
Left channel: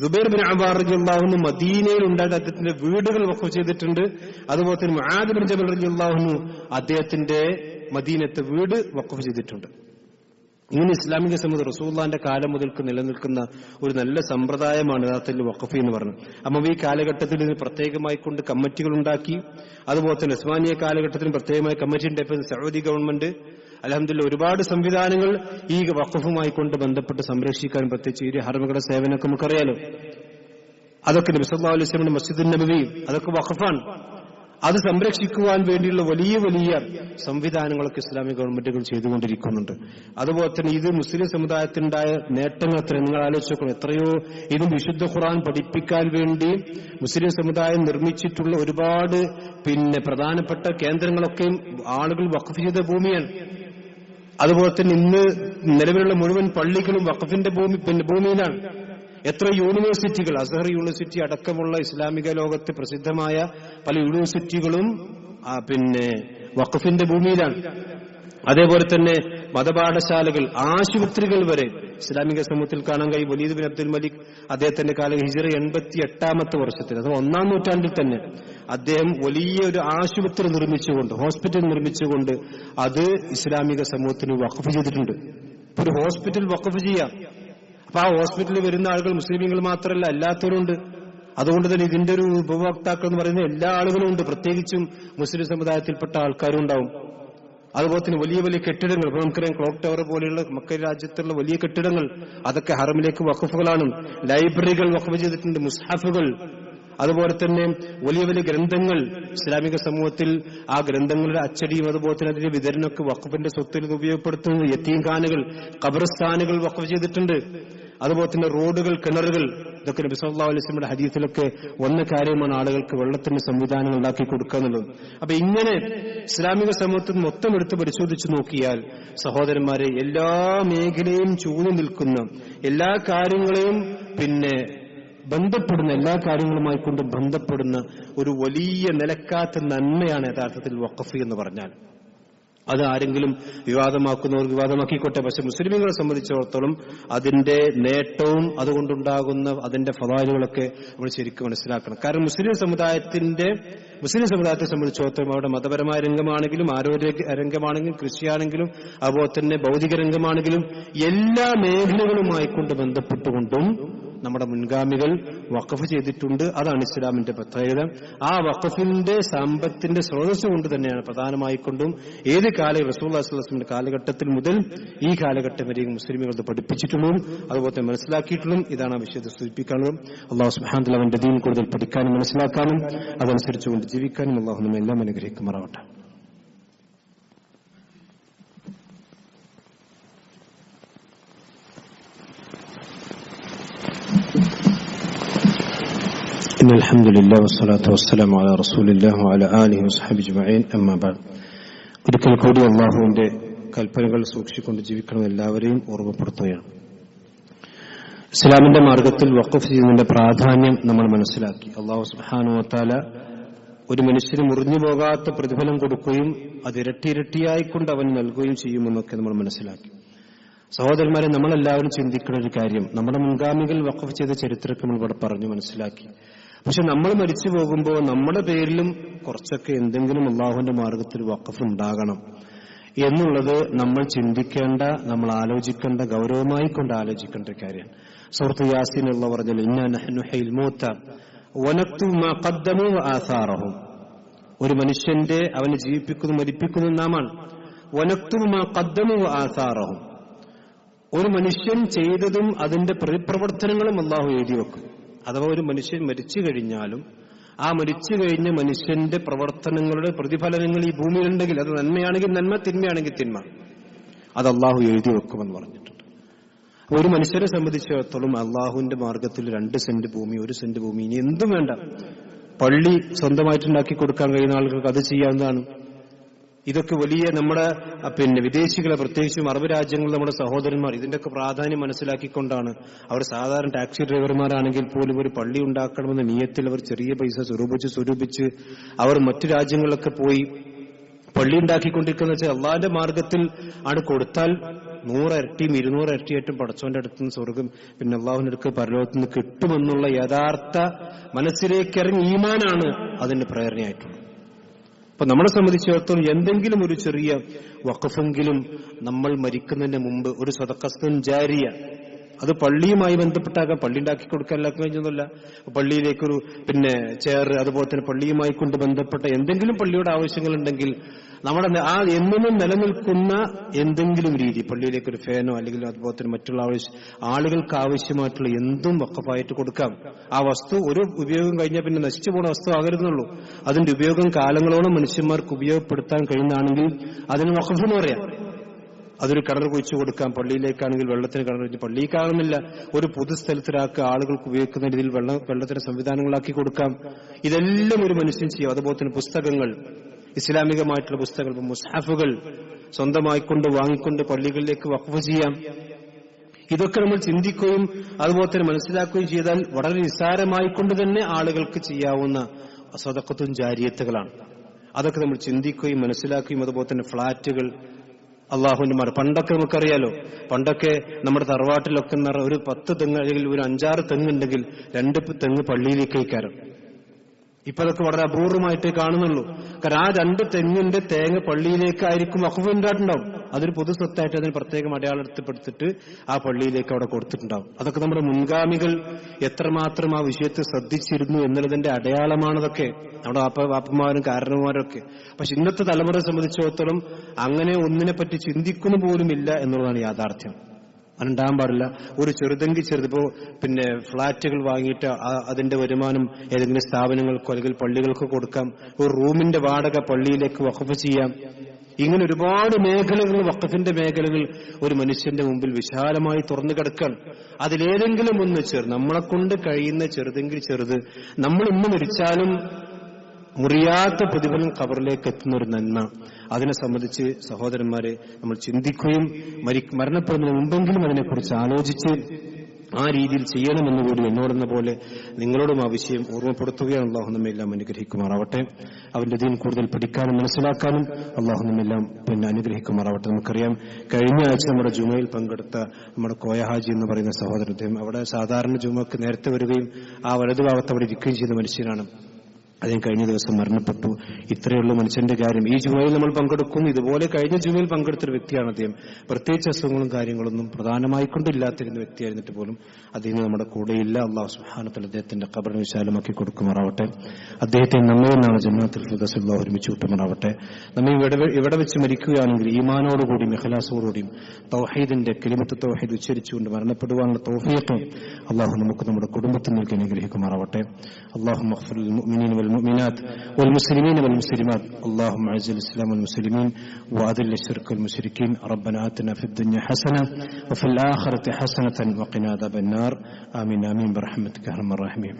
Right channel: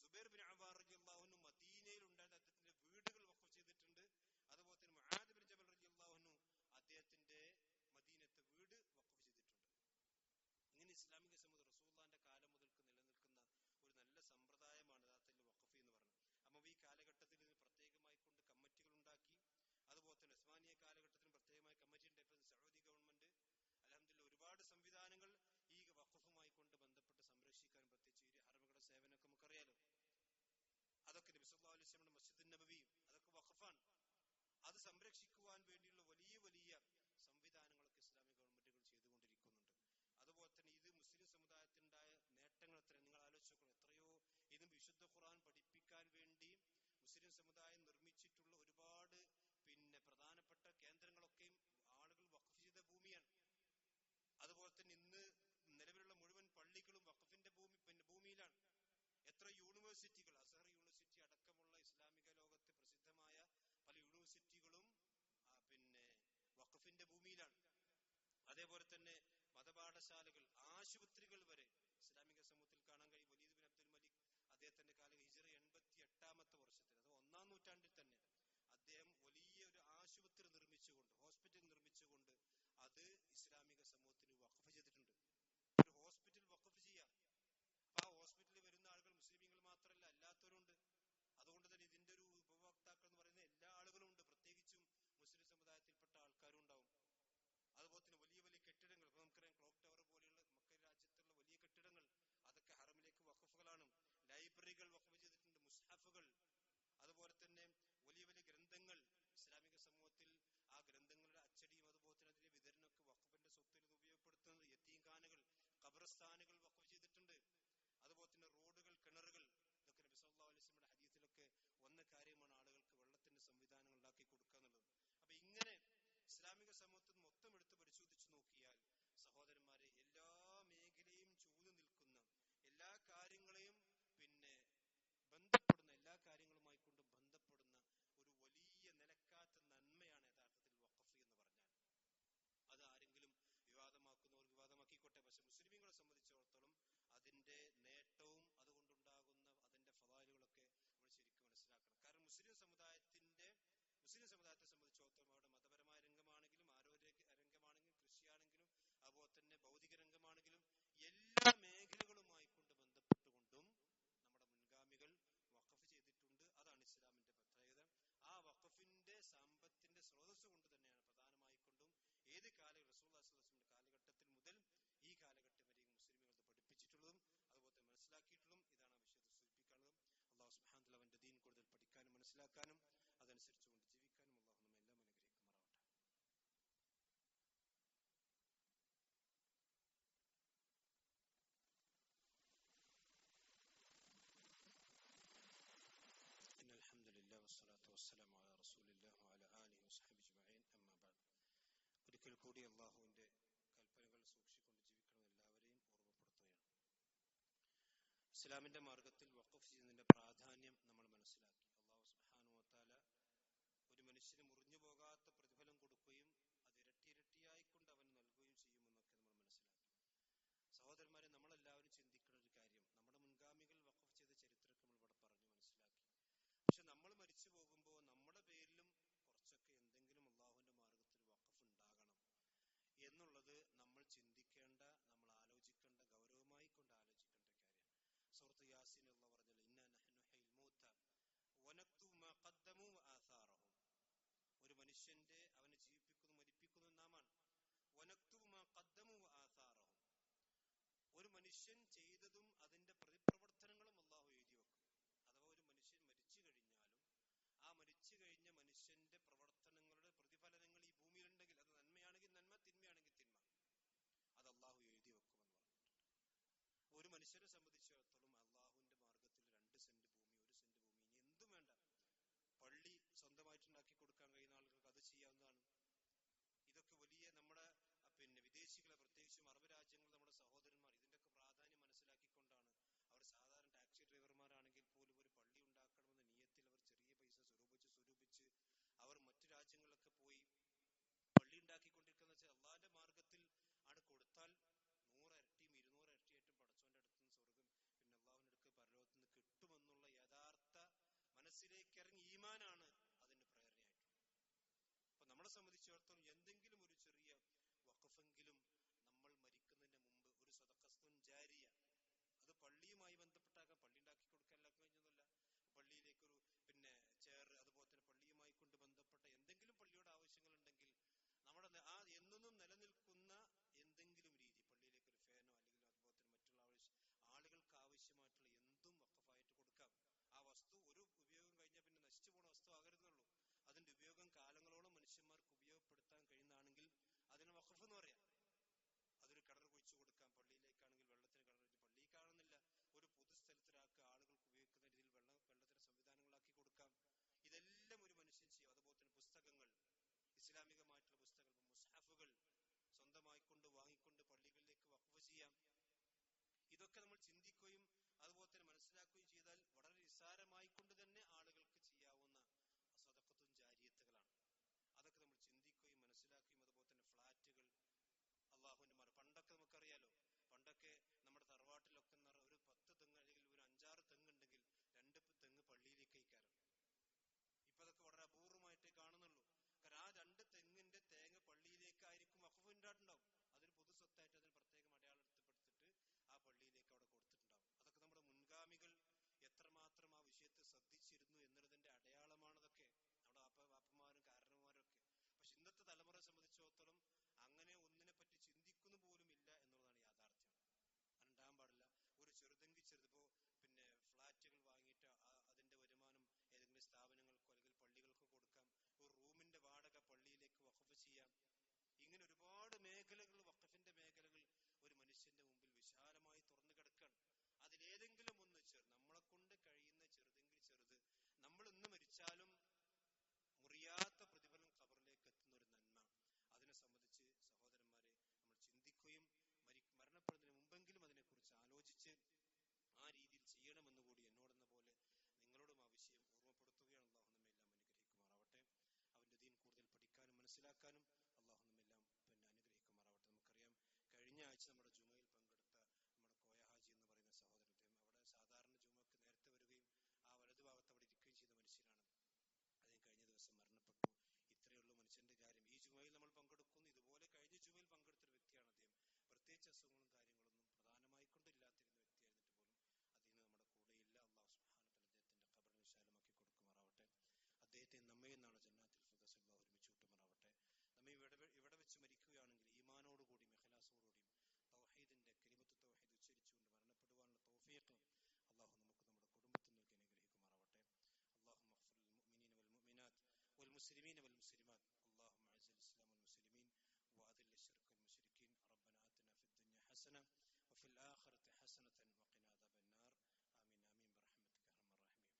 സുബൈർ ബിൻ അവാർ റളിയല്ലാഹു അൻഹു മദീനയിൽ ഉണ്ടായ അദ്ദേഹത്തിന്റെ വീടുകൾ വഖഫ് ചെയ്തിട്ടുണ്ട്. അതുപോലെ തന്നെ മുആദ് ബിൻ ജബൽ റളിയല്ലാഹു അൻഹു അദ്ദേഹത്തിന്റെ മദീനത്തെ വീട് വഖഫ് ചെയ്തിട്ടുണ്ട്. ഇങ്ങനെ ഇസ്ലാമിക സമൂഹം റസൂലുള്ളാഹിന്റെ കാലം മുതൽക്ക് നിലനിൽക്കുന്ന ഒരു നല്ല സമ്പ്രദായമാണ് യഥാർത്ഥത്തിൽ വഖഫ് എന്ന് പറഞ്ഞത്. അമ്മ ഈ കാലഘട്ടത്തിൽ ഇതിന് പ്രത്യേകമായി കൊണ്ട് കമ്മിറ്റികൾ ഉണ്ടാക്കി. അതുപോലെ തന്നെ ഉസ്മാനിയ കാലഘട്ടത്തിന് പ്രത്യേകമായി കമ്മിറ്റി ഉണ്ടായപ്പോൾ സൗദി ഗവൺമെന്റ് അൽഹംദുലില്ലാഹ് ഒരുപാട് സംവിധാനങ്ങൾ ഈ വഖഫുമായി കൊണ്ട് ബന്ധപ്പെട്ട് സംരക്ഷിക്കാൻ, പ്രത്യേകിച്ച് ഈ ഹറമുകളുടെ സേവനമൊക്കെ നമുക്കറിയാലോ. അതൊക്കെ നബി സല്ലല്ലാഹു അലൈഹി വസല്ലം മസ്ജിദുൻ നബവി അതൊക്കെ വഖഫാണ്. അത് സംരക്ഷിക്കുവാൻ വേണ്ടിയുള്ള വലിയ വലിയ സംവിധാനങ്ങളൊക്കെ ഇസ്ലാമിക ഗവൺമെന്റുകൾ ചെയ്തുകൊണ്ടിരിക്കുന്നുണ്ട്. അതുപോലെ തന്നെ ഇത് മുസ്ലിം സമുദായത്തിനുണ്ടായ നേട്ടങ്ങൾ എത്ര നിങ്ങൾ ആലോചിച്ചോക്കണം. എത്രയോ ഇത് വിശുദ്ധ ഖുർആൻ പഠിപ്പിക്കാൻ വേണ്ടി മുസ്ലിം സമുദായം നിർമ്മിച്ചിട്ടുള്ള ഒരുപാട് പ്രധാനപ്പെട്ട കേന്ദ്രങ്ങളൊക്കെയും ആളുകൾ വഖഫ് ചെയ്ത ഭൂമിയാണ്. അതുപോലെ തന്നെ ഇന്ന് നിലവിലുള്ള മുഴുവൻ പള്ളികളും വഖഫിന്റെ ഭൂമിയിലാണ്. എത്ര യൂണിവേഴ്സിറ്റികൾ, അസ്ഹർ യൂണിവേഴ്സിറ്റി അടക്കമുള്ള ഇസ്ലാമിക ലോകത്ത് പ്രസിദ്ധമായ പല യൂണിവേഴ്സിറ്റികളും വഖഫിന്റെ ഭൂമിയിലാണ്. അതേപോലെ തന്നെ മതപാഠശാലകൾ, ആശുപത്രികൾ വരെ ഇസ്ലാമിക സമൂഹത്തിൽ കാണാൻ കഴിയും. വലീദ് ബിൻ അബ്ദുൽ മലിക് അദ്ദേഹത്തിന്റെ കാലം ഹിജ്റ 88ാമത്തെ വർഷത്തിൽ, അഥവാ 1-ാം നൂറ്റാണ്ടിൽ തന്നെ അദ്ദേഹം വലിയ ഒരു ആശുപത്രി നിർമ്മിച്ചുകൊണ്ട്, ഹോസ്പിറ്റൽ നിർമ്മിച്ചുകൊണ്ട് അത് ഇസ്ലാമിക സമൂഹത്തിന് വഖഫ് ചെയ്തിട്ടുണ്ട്. ഇപ്പൊ ഒരു ഹോസ്പിറ്റൽ വഖഫ് ചെയ്യാം. അപ്പൊ ആ ഹോസ്പിറ്റലിൽ വരുന്ന ആളുകൾ മുസ്ലിമീങ്ങൾ മാത്രമല്ല, അല്ലാത്തവരുണ്ട്. അതുകൊണ്ട് തന്നെ ഇതിന്റെ ഒരു ഉപഭോക്താക്കൾ എന്ന് പറയുന്ന എല്ലാ ആളുകളും ഉണ്ട്. പ്രത്യേകിച്ചും മുസ്ലിം സമുദായത്തിൽപ്പെട്ട ആൾക്കാരും ഉണ്ടാവും. അതുപോലെ തന്നെ വലിയ വലിയ കെട്ടിടങ്ങൾ, ഇപ്പൊ നമുക്കറിയാം ക്ലോക്ക് ടവർ പോലെയുള്ള മക്ക രാജ്യത്തുള്ള വലിയ കെട്ടിടങ്ങൾ, അതൊക്കെ ഹറമിലേക്ക് വഖഫുകളാണ്. ലൈബ്രറികൾ വഖഫ് ചെയ്തിട്ടുണ്ട്, മുസ്ഹഫുകൾ. അതുപോലെ തന്നെ വലിയ വലിയ ഗ്രന്ഥങ്ങൾ ഇസ്ലാമിക സമൂഹത്തിൽ ആ ഗ്രന്ഥങ്ങളുടെ അച്ചടിയും അതുപോലെ തന്നെ അതിന്റെ വിതരണമൊക്കെ വഖഫിന്റെ സ്വത്തിൽ ഉപയോഗപ്പെടുത്തുന്നത്. യതീംഖാനകൾ, ഖബർസ്ഥാനുകൾ വഖഫ് ചെയ്തിട്ടുണ്ട്. അതുപോലെ തന്നെ റോഡുകൾ, കിണറുകൾ, ഇതൊക്കെ നബി സല്ലല്ലാഹു അലൈഹി വസല്ലമയുടെ ഹദീസിലൊക്കെ വന്ന കാര്യമാണ് ആളുകൾക്ക് വെള്ളത്തിന്റെ സംവിധാനങ്ങൾ ഉണ്ടാക്കി കൊടുക്കുക എന്നുള്ളത്. അപ്പൊ ഇങ്ങനെ ഇസ്ലാമിക സമൂഹത്തിൽ മൊത്തം എടുത്ത് പരിശോധിച്ചു നോക്കിയാൽ സഹോദരന്മാരെ, എല്ലാ മേഖലയും ചൂഴ്ന്നു നിൽക്കുന്ന, എല്ലാ കാര്യങ്ങളെയും ബന്ധപ്പെടുന്ന, എല്ലാ കാര്യങ്ങളുമായി കൊണ്ട് ബന്ധപ്പെടുന്ന ഒരു വലിയ നിലക്കാത്ത നന്മയാണ് യഥാർത്ഥത്തിൽ വഖഫ് എന്ന് പറഞ്ഞാൽ. അത് ആരെങ്കിലും വിവാദമാക്കുന്നവർ വിവാദമാക്കിക്കോട്ടെ. പക്ഷെ മുസ്ലിമീങ്ങളെ സംബന്ധിച്ചിടത്തോളം അതിന്റെ നേട്ടവും അതുകൊണ്ടുണ്ടാകുന്ന അതിന്റെ ഫളായിലുകളൊക്കെ നമ്മൾ ശരിക്കും മനസ്സിലാക്കണം. കാരണം മുസ്ലിം സമുദായത്തെ സംബന്ധിച്ചിടത്തോളം അവിടെ മതപരമായ രംഗമാണെങ്കിലും, ആരോഗ്യ രംഗമാണെങ്കിലും, കൃഷിയാണെങ്കിലും, അതുപോലെ തന്നെ ഭൗതിക രംഗമാണെങ്കിലും എല്ലാ മേഖലകളുമായി കൊണ്ട് ബന്ധപ്പെട്ടുകൊണ്ടും നമ്മുടെ മുൻഗാമികൾ വഖഫ് ചെയ്തിട്ടുണ്ട്. അതാണ് ഇസ്ലാമിന്റെ പ്രത്യേകത. ആ വഖഫിന്റെ സമ്പത്തിന്റെ സ്രോതസ് കൊണ്ട് തന്നെയാണ് പ്രധാനമായിക്കൊണ്ടും ഏത് കാലം റസൂലുള്ളാഹി സ്വല്ലല്ലാഹു അലൈഹി വസല്ലം കാലഘട്ടത്തിൽ മുതൽ ഈ കാലഘട്ടം വരെ മുസ്ലിമുകൾ പഠിപ്പിച്ചിട്ടുള്ളതും അതുപോലെ മനസ്സിലാക്കിയിട്ടുള്ളതും. ഇതാണ് ആ വിഷയത്തെ സൂചിപ്പിക്കാനുള്ളത്. അല്ലാഹു സുബ്ഹാനഹു വ തആല അവന്റെ ദീൻ കൂടുതൽ പഠിക്കാനും മനസ്സിലാക്കാനും അതനുസരിച്ചുകൊണ്ട് ജീവിക്കാനും അല്ലാഹു നമ്മെ എല്ലാം അനുഗ്രഹിക്കുമാറാവട്ടെ. إن الحمد لله والصلاة والسلام على رسول الله وعلى آله وصحبه أجمعين أما بعد. ഒരിക്കൽ കൂടി അല്ലാഹുവിന്റെ കൽപ്പനകൾ സൂക്ഷിച്ചുകൊണ്ട് ജീവിക്കണം എല്ലാവരെയും ഓർമ്മപ്പെടുത്തുകയാണ്. ഇസ്ലാമിന്റെ മാർഗത്തിൽ വഖഫ് ചെയ്യുന്നതിന്റെ പ്രാധാന്യം നമ്മൾ മനസ്സിലാക്കി. അല്ലാഹു സുബ്ഹാനഹു വ തആല ഒരു മനുഷ്യന് മുറിഞ്ഞു പോകാത്ത പ്രതിഫലം കൊടുക്കുകയും അത് ഇരട്ടിയായിക്കൊണ്ട് അവൻ നൽകുകയും ചെയ്യുമെന്നൊക്കെ നമ്മൾ മനസ്സിലാക്കി. സഹോദരന്മാരെ, നമ്മളെല്ലാവരും ചിന്തിക്കുന്ന ഒരു കാര്യം, നമ്മുടെ മുൻഗാമികൾ വഖഫ് ചെയ്ത ചരിത്രമൊക്കെ നമ്മൾ ഇവിടെ പറഞ്ഞു മനസ്സിലാക്കി. പക്ഷെ നമ്മൾ മരിച്ചു പോകുമ്പോൾ നമ്മുടെ പേരിലും കുറച്ചൊക്കെ എന്തെങ്കിലും അല്ലാഹുവിന്റെ മാർഗത്തിൽ വഖഫ് ഉണ്ടാകണം എന്നുള്ളത് നമ്മൾ ചിന്തിക്കേണ്ട, നമ്മൾ ആലോചിക്കേണ്ട, ഗൗരവമായി കൊണ്ട് ആലോചിക്കേണ്ട കാര്യമാണ്. സൂറത്ത് യാസീൻ അല്ലാഹു പറഞ്ഞല്ലോ, ഇന്നാ നഹ്നു നുഹ്യിൽ മൗത വനക്തുബു മാ ഖദ്ദമു വആസാറഹും. ഒരു മനുഷ്യന്റെ അവനെ ജീവിപ്പിക്കുന്നു മരിപ്പിക്കുന്നു നാമാണ്. വനക്തുബു മാ ഖദ്ദമു വആസാറഹും. ഒരു മനുഷ്യൻ ചെയ്തതും അതിന്റെ പ്രതിപ്രവർത്തനങ്ങളും അല്ലാഹു എഴുതി വെക്കും. അഥവാ ഒരു മനുഷ്യൻ മരിച്ചു കഴിഞ്ഞാലും ആ മരിച്ചു കഴിഞ്ഞ മനുഷ്യന്റെ പ്രവർത്തനങ്ങളുടെ പ്രതിഫലനങ്ങൾ ഈ ഭൂമിയിലുണ്ടെങ്കിൽ അത് നന്മയാണെങ്കിൽ നന്മ, തിന്മയാണെങ്കിൽ തിന്മ, അത് അല്ലാഹു എഴുതി വെക്കുമെന്ന് പറഞ്ഞിട്ടുണ്ട്. ഒരു മനുഷ്യരെ സംബന്ധിച്ചിടത്തോളം അല്ലാഹുവിന്റെ മാർഗത്തിൽ 2 സെന്റ് ഭൂമി, 1 സെന്റ് ഭൂമി, ഇനി എന്തും വേണ്ട, പള്ളി സ്വന്തമായിട്ടുണ്ടാക്കി കൊടുക്കാൻ കഴിയുന്ന ആളുകൾക്ക് അത് ചെയ്യാവുന്നതാണ്. ഇതൊക്കെ വലിയ നമ്മുടെ വിദേശികളെ, പ്രത്യേകിച്ചും അറബ് രാജ്യങ്ങളിൽ നമ്മുടെ സഹോദരന്മാർ ഇതിന്റെയൊക്കെ പ്രാധാന്യം മനസ്സിലാക്കിക്കൊണ്ടാണ് അവർ സാധാരണ ടാക്സി ഡ്രൈവർമാരാണെങ്കിൽ പോലും ഒരു പള്ളി ഉണ്ടാക്കണമെന്ന നിയത്തിൽ അവർ ചെറിയ പൈസ സ്വരൂപിച്ച് അവർ മറ്റു രാജ്യങ്ങളിലൊക്കെ പോയി പള്ളി ഉണ്ടാക്കിക്കൊണ്ടിരിക്കുന്ന വെച്ചാൽ അള്ളാന്റെ മാർഗത്തിൽ ആണ് കൊടുത്താൽ 100 ഇരട്ടിയും 200 ഇരട്ടിയായിട്ടും പടച്ചോന്റെ അടുത്തുനിന്ന് സ്വർഗം പിന്നെ അള്ളാഹുവിന്റെ അടുത്ത് പരലോകത്ത് നിന്ന് കിട്ടുമെന്നുള്ള യഥാർത്ഥ മനസ്സിലേക്കിറങ്ങി ഈമാനാണ് അതിന്റെ പ്രേരണയായിട്ടുള്ളത്. അപ്പൊ നമ്മളെ സംബന്ധിച്ചിടത്തോളം എന്തെങ്കിലും ഒരു ചെറിയ വഖഫെങ്കിലും നമ്മൾ മരിക്കുന്നതിന് മുമ്പ് ഒരു സദഖത്തുൻ ജാരിയ, അത് പള്ളിയുമായി ബന്ധപ്പെട്ടാകാം, പള്ളി ഉണ്ടാക്കി കൊടുക്കാൻ എല്ലാവർക്കും കഴിഞ്ഞൊന്നുമില്ല, പള്ളിയിലേക്കൊരു ചെയർ, അതുപോലെ തന്നെ പള്ളിയുമായി കൊണ്ട് ബന്ധപ്പെട്ട എന്തെങ്കിലും പള്ളിയുടെ ആവശ്യങ്ങളുണ്ടെങ്കിൽ നമ്മുടെ എന്നും നിലനിൽക്കുന്ന എന്തെങ്കിലും രീതി, പള്ളിയിലേക്കൊരു ഫാനോ അല്ലെങ്കിൽ അതുപോലെ തന്നെ മറ്റുള്ള ആളുകൾക്ക് ആവശ്യമായിട്ടുള്ള എന്തും വഖഫായിട്ട് കൊടുക്കാം. ആ വസ്തു ഒരു ഉപയോഗം കഴിഞ്ഞാൽ പിന്നെ നശിച്ചു പോകുന്ന വസ്തു ആകരുതെന്നുള്ളൂ. അതിന്റെ ഉപയോഗം കാലങ്ങളോളം മനുഷ്യന്മാർക്ക് ഉപയോഗപ്പെടുത്താൻ കഴിയുന്നതാണെങ്കിൽ അതിന് വഖഫ് എന്ന് പറയാം. അതൊരു കിണർ കുഴിച്ചു കൊടുക്കാം, പള്ളിയിലേക്കാണെങ്കിൽ വെള്ളത്തിന് കിണർ കുഴിച്ച്, പള്ളിക്കാകുന്നില്ല ഒരു പൊതുസ്ഥലത്തിലാക്കി ആളുകൾക്ക് ഉപയോഗിക്കുന്ന രീതിയിൽ വെള്ളത്തിന് സംവിധാനങ്ങളാക്കി കൊടുക്കാം. ഇതെല്ലാം ഒരു മനുഷ്യൻ ചെയ്യും. അതുപോലെ തന്നെ പുസ്തകങ്ങൾ, ഇസ്ലാമികമായിട്ടുള്ള പുസ്തകങ്ങൾ, മുസ്ഹഫുകൾ സ്വന്തമായിക്കൊണ്ട് വാങ്ങിക്കൊണ്ട് പള്ളികളിലേക്ക് വഖഫ് ചെയ്യാം. ഇതൊക്കെ നമ്മൾ ചിന്തിക്കുകയും അതുപോലെ തന്നെ മനസ്സിലാക്കുകയും ചെയ്താൽ വളരെ നിസ്സാരമായിക്കൊണ്ട് തന്നെ ആളുകൾക്ക് ചെയ്യാവുന്ന സദഖത്തുൻ ജാരിയത്തുകളാണ്. അതൊക്കെ നമ്മൾ ചിന്തിക്കുകയും മനസ്സിലാക്കുകയും അതുപോലെ തന്നെ ഫ്ളാറ്റുകൾ, അള്ളാഹുവിന്റെ മാർ പണ്ടൊക്കെ നമുക്കറിയാലോ, പണ്ടൊക്കെ നമ്മുടെ തറവാട്ടിലൊക്കെ ഒരു 10 തെങ്ങ് അല്ലെങ്കിൽ ഒരു 5-6 തെങ്ങുണ്ടെങ്കിൽ 2 തെങ്ങ് പള്ളിയിലേക്ക് കയറും. ഇപ്പൊ അതൊക്കെ വളരെ അപൂർവമായിട്ടേ കാണുന്നുള്ളൂ. കാരണം ആ 2 തെങ്ങിന്റെ തേങ്ങ പള്ളിയിലേക്കായിരിക്കും വഖഫ് ഉണ്ടായിട്ടുണ്ടാവും. അതൊരു പൊതു സ്വത്തായിട്ട് അതിന് പ്രത്യേകം അടയാളപ്പെടുത്തിട്ട് ആ പള്ളിയിലേക്ക് അവിടെ കൊടുത്തിട്ടുണ്ടാവും. അതൊക്കെ നമ്മുടെ മുൻഗാമികൾ എത്രമാത്രം ആ വിഷയത്തെ ശ്രദ്ധിച്ചിരുന്നു എന്നുള്ളതിന്റെ അടയാളമാണതൊക്കെ, നമ്മുടെ വാപ്പന്മാരും കാരണവന്മാരും ഒക്കെ. പക്ഷെ ഇന്നത്തെ തലമുറയെ സംബന്ധിച്ചിടത്തോളം അങ്ങനെ ഒന്നിനെപ്പറ്റി ചിന്തിക്കുന്നു പോലുമില്ല എന്നുള്ളതാണ് യാഥാർത്ഥ്യം. അതുണ്ടാകാൻ പാടില്ല. ഒരു ചെറുതെങ്കിൽ ചെറുതിപ്പോ ഫ്ളാറ്റുകൾ വാങ്ങിയിട്ട് അതിന്റെ വരുമാനം ഏതെങ്കിലും സ്ഥാപനങ്ങൾക്കോ അല്ലെങ്കിൽ പള്ളികൾക്കോ കൊടുക്കാം. ഒരു റൂമിന്റെ വാടക പള്ളിയിലേക്ക് വഖഫ് ചെയ്യാം. ഇങ്ങനെ ഒരുപാട് മേഖലകൾ, വഖഫിന്റെ മേഖലകൾ ഒരു മനുഷ്യന്റെ മുമ്പിൽ വിശാലമായി തുറന്നു കിടക്കാൻ. അതിലേതെങ്കിലും ഒന്ന് നമ്മളെ കൊണ്ട് കഴിയുന്ന ചെറുതെങ്കിൽ ചെറുത്, നമ്മൾ ഇന്ന് മരിച്ചാലും മുറിയാത്ത പ്രതിഫലം ഖബറിലേക്ക് എത്തുന്ന ഒരു നന്മ, അതിനെ സംബന്ധിച്ച് സഹോദരന്മാരെ നമ്മൾ ചിന്തിക്കുകയും മരണപ്പെടുന്നതിന് മുമ്പെങ്കിലും അതിനെക്കുറിച്ച് ആലോചിച്ച് ആ രീതിയിൽ ചെയ്യണമെന്നുകൂടി എന്നോടെന്ന പോലെ നിങ്ങളോടും ആ വിഷയം ഓർമ്മപ്പെടുത്തുകയാണ്. അള്ളാഹു നമ്മെല്ലാം അനുഗ്രഹിക്കുമാറാവട്ടെ. അവന്റെ ദീൻ കൂടുതൽ പഠിക്കാനും മനസ്സിലാക്കാനും അള്ളാഹു നമ്മെല്ലാം അനുഗ്രഹിക്കുമാറാവട്ടെ. നമുക്കറിയാം, കഴിഞ്ഞ ആഴ്ച നമ്മുടെ ജുമയിൽ പങ്കെടുത്ത നമ്മുടെ കോയഹാജി എന്ന് പറയുന്ന സഹോദരൻ, അദ്ദേഹം അവിടെ സാധാരണ ജുമക്ക് നേരത്തെ വരികയും ആ വലതുഭാഗത്ത് അവിടെ ഇരിക്കുകയും ചെയ്ത മനുഷ്യനാണ്. അദ്ദേഹം കഴിഞ്ഞ ദിവസം മരണപ്പെട്ടു. ഇത്രയുള്ള മനുഷ്യന്റെ കാര്യം. ഈ ജുമയിൽ നമ്മൾ പങ്കെടുക്കുന്നു, ഇതുപോലെ കഴിഞ്ഞ ജുമയിൽ പങ്കെടുത്തൊരു വ്യക്തിയാണ് അദ്ദേഹം. പ്രത്യേകിച്ച് അസുഖങ്ങളും കാര്യങ്ങളൊന്നും പ്രധാനമായിക്കൊണ്ടില്ലാത്തിരുന്ന വ്യക്തിയായിരുന്നിട്ട് പോലും അദ്ദേഹം നമ്മുടെ കൂടെയില്ല. അല്ലാഹു സുബ്ഹാനഹു വ തആല അദ്ദേഹത്തിന്റെ ഖബറിനെ വിശാലമാക്കി കൊടുക്കുമാറാവട്ടെ. അദ്ദേഹത്തെ നമ്മെ നാളെ ജന്നത്തുൽ ഫിർദൗസിൽ അല്ലാഹു ഒരുമിച്ച് കൂട്ടുമാറാവട്ടെ. നമ്മെ ഇവിടെ വെച്ച് മരിക്കുകയാണെങ്കിൽ ഈമാനോടുകൂടിയും ഇഖ്ലാസോടുകൂടിയും തൗഹീദിന്റെ കലിമത്ത് തൗഹീദ് ഉച്ചരിച്ചുകൊണ്ട് മരണപ്പെടുവാനുള്ള തൗഫീഖ് അല്ലാഹു നമുക്ക് നമ്മുടെ കുടുംബത്തിന് നൽകി അനുഗ്രഹിക്കുമാറാവട്ടെ. അല്ലാഹുമ്മ ഗ്ഫിർ ലിൽ മുഅ്മിനീന والمؤمنات والمسلمين والمسلمات اللهم اعز الاسلام والمسلمين واذل الشرك والمشركين ربنا آتنا في الدنيا حسنة وفي الآخرة حسنة وقنا عذاب النار آمين آمين برحمتك يا أرحم الراحمين.